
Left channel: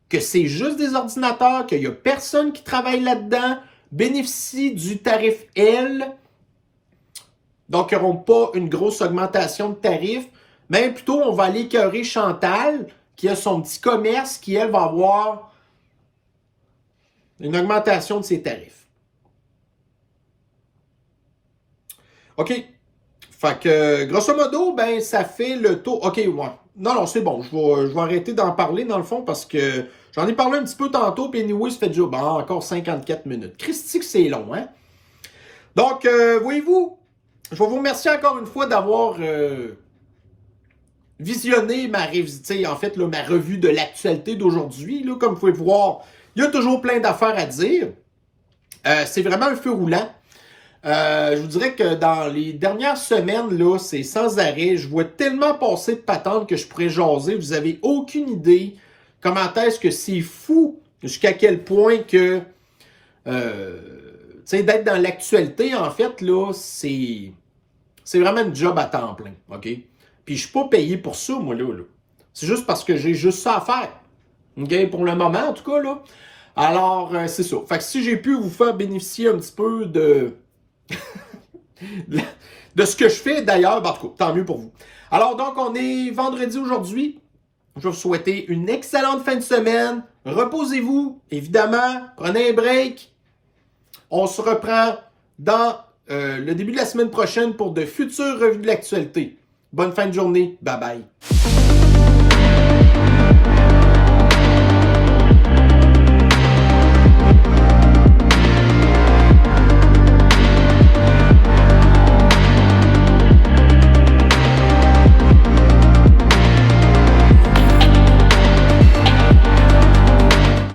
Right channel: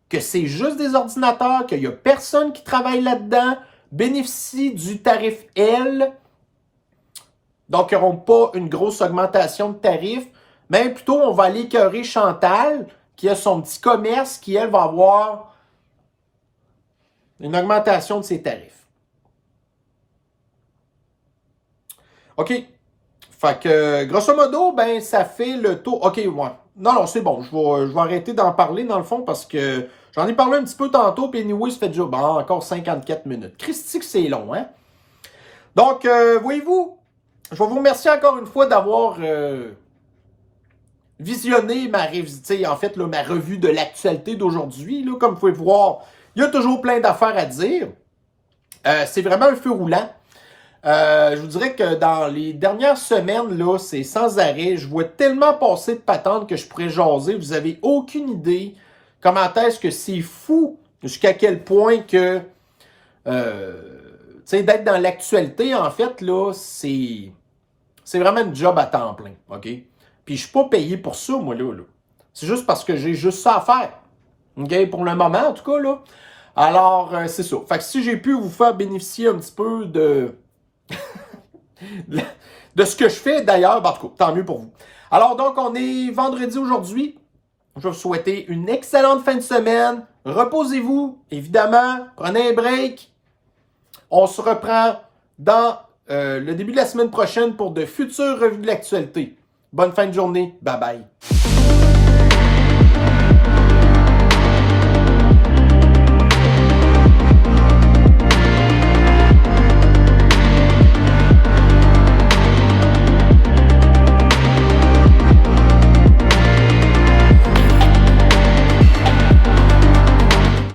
Que c'est juste des ordinateurs, qu'il n'y a personne qui travaille là-dedans, bénéficient du tarif L. Donc, ils n'auront pas une grosse augmentation de tarifs, mais plutôt, on va aller écœurer Chantal, qui a son petit commerce, qui, elle, va avoir une augmentation de ses tarifs. OK. Fait que, grosso modo, ben, ça fait le taux. OK, ouais. Non, c'est bon. Je vais arrêter d'en parler, dans le fond, parce que j'en ai parlé un petit peu tantôt, puis anyway, ça fait déjà encore 54 minutes. Christique, c'est long, hein? Donc, voyez-vous, je vais vous remercier encore une fois d'avoir visionné ma revue de l'actualité d'aujourd'hui. Comme vous pouvez le voir, il y a toujours plein d'affaires à dire. C'est vraiment un feu roulant. Je vous dirais que dans les dernières semaines, là, c'est sans arrêt. Je vois tellement passer de patentes que je pourrais jaser. Vous n'avez aucune idée comment est-ce que c'est fou jusqu'à quel point que sais, d'être dans l'actualité, en fait, là, c'est vraiment une job à temps plein, OK? Puis je suis pas payé pour ça, moi, là. C'est juste parce que j'ai juste ça à faire. OK? Pour le moment, en tout cas, là. Alors, c'est ça. Fait que si j'ai pu vous faire bénéficier un petit peu de ce que je fais, d'ailleurs, ben, en tout cas, tant mieux pour vous. Alors, donc, on est vendredi aujourd'hui. Je vais vous souhaiter une excellente fin de semaine. Reposez-vous, évidemment. Prenez un break. On se reprend dans le début de la semaine prochaine pour de futures revues de l'actualité. Bonne fin de journée. Bye bye.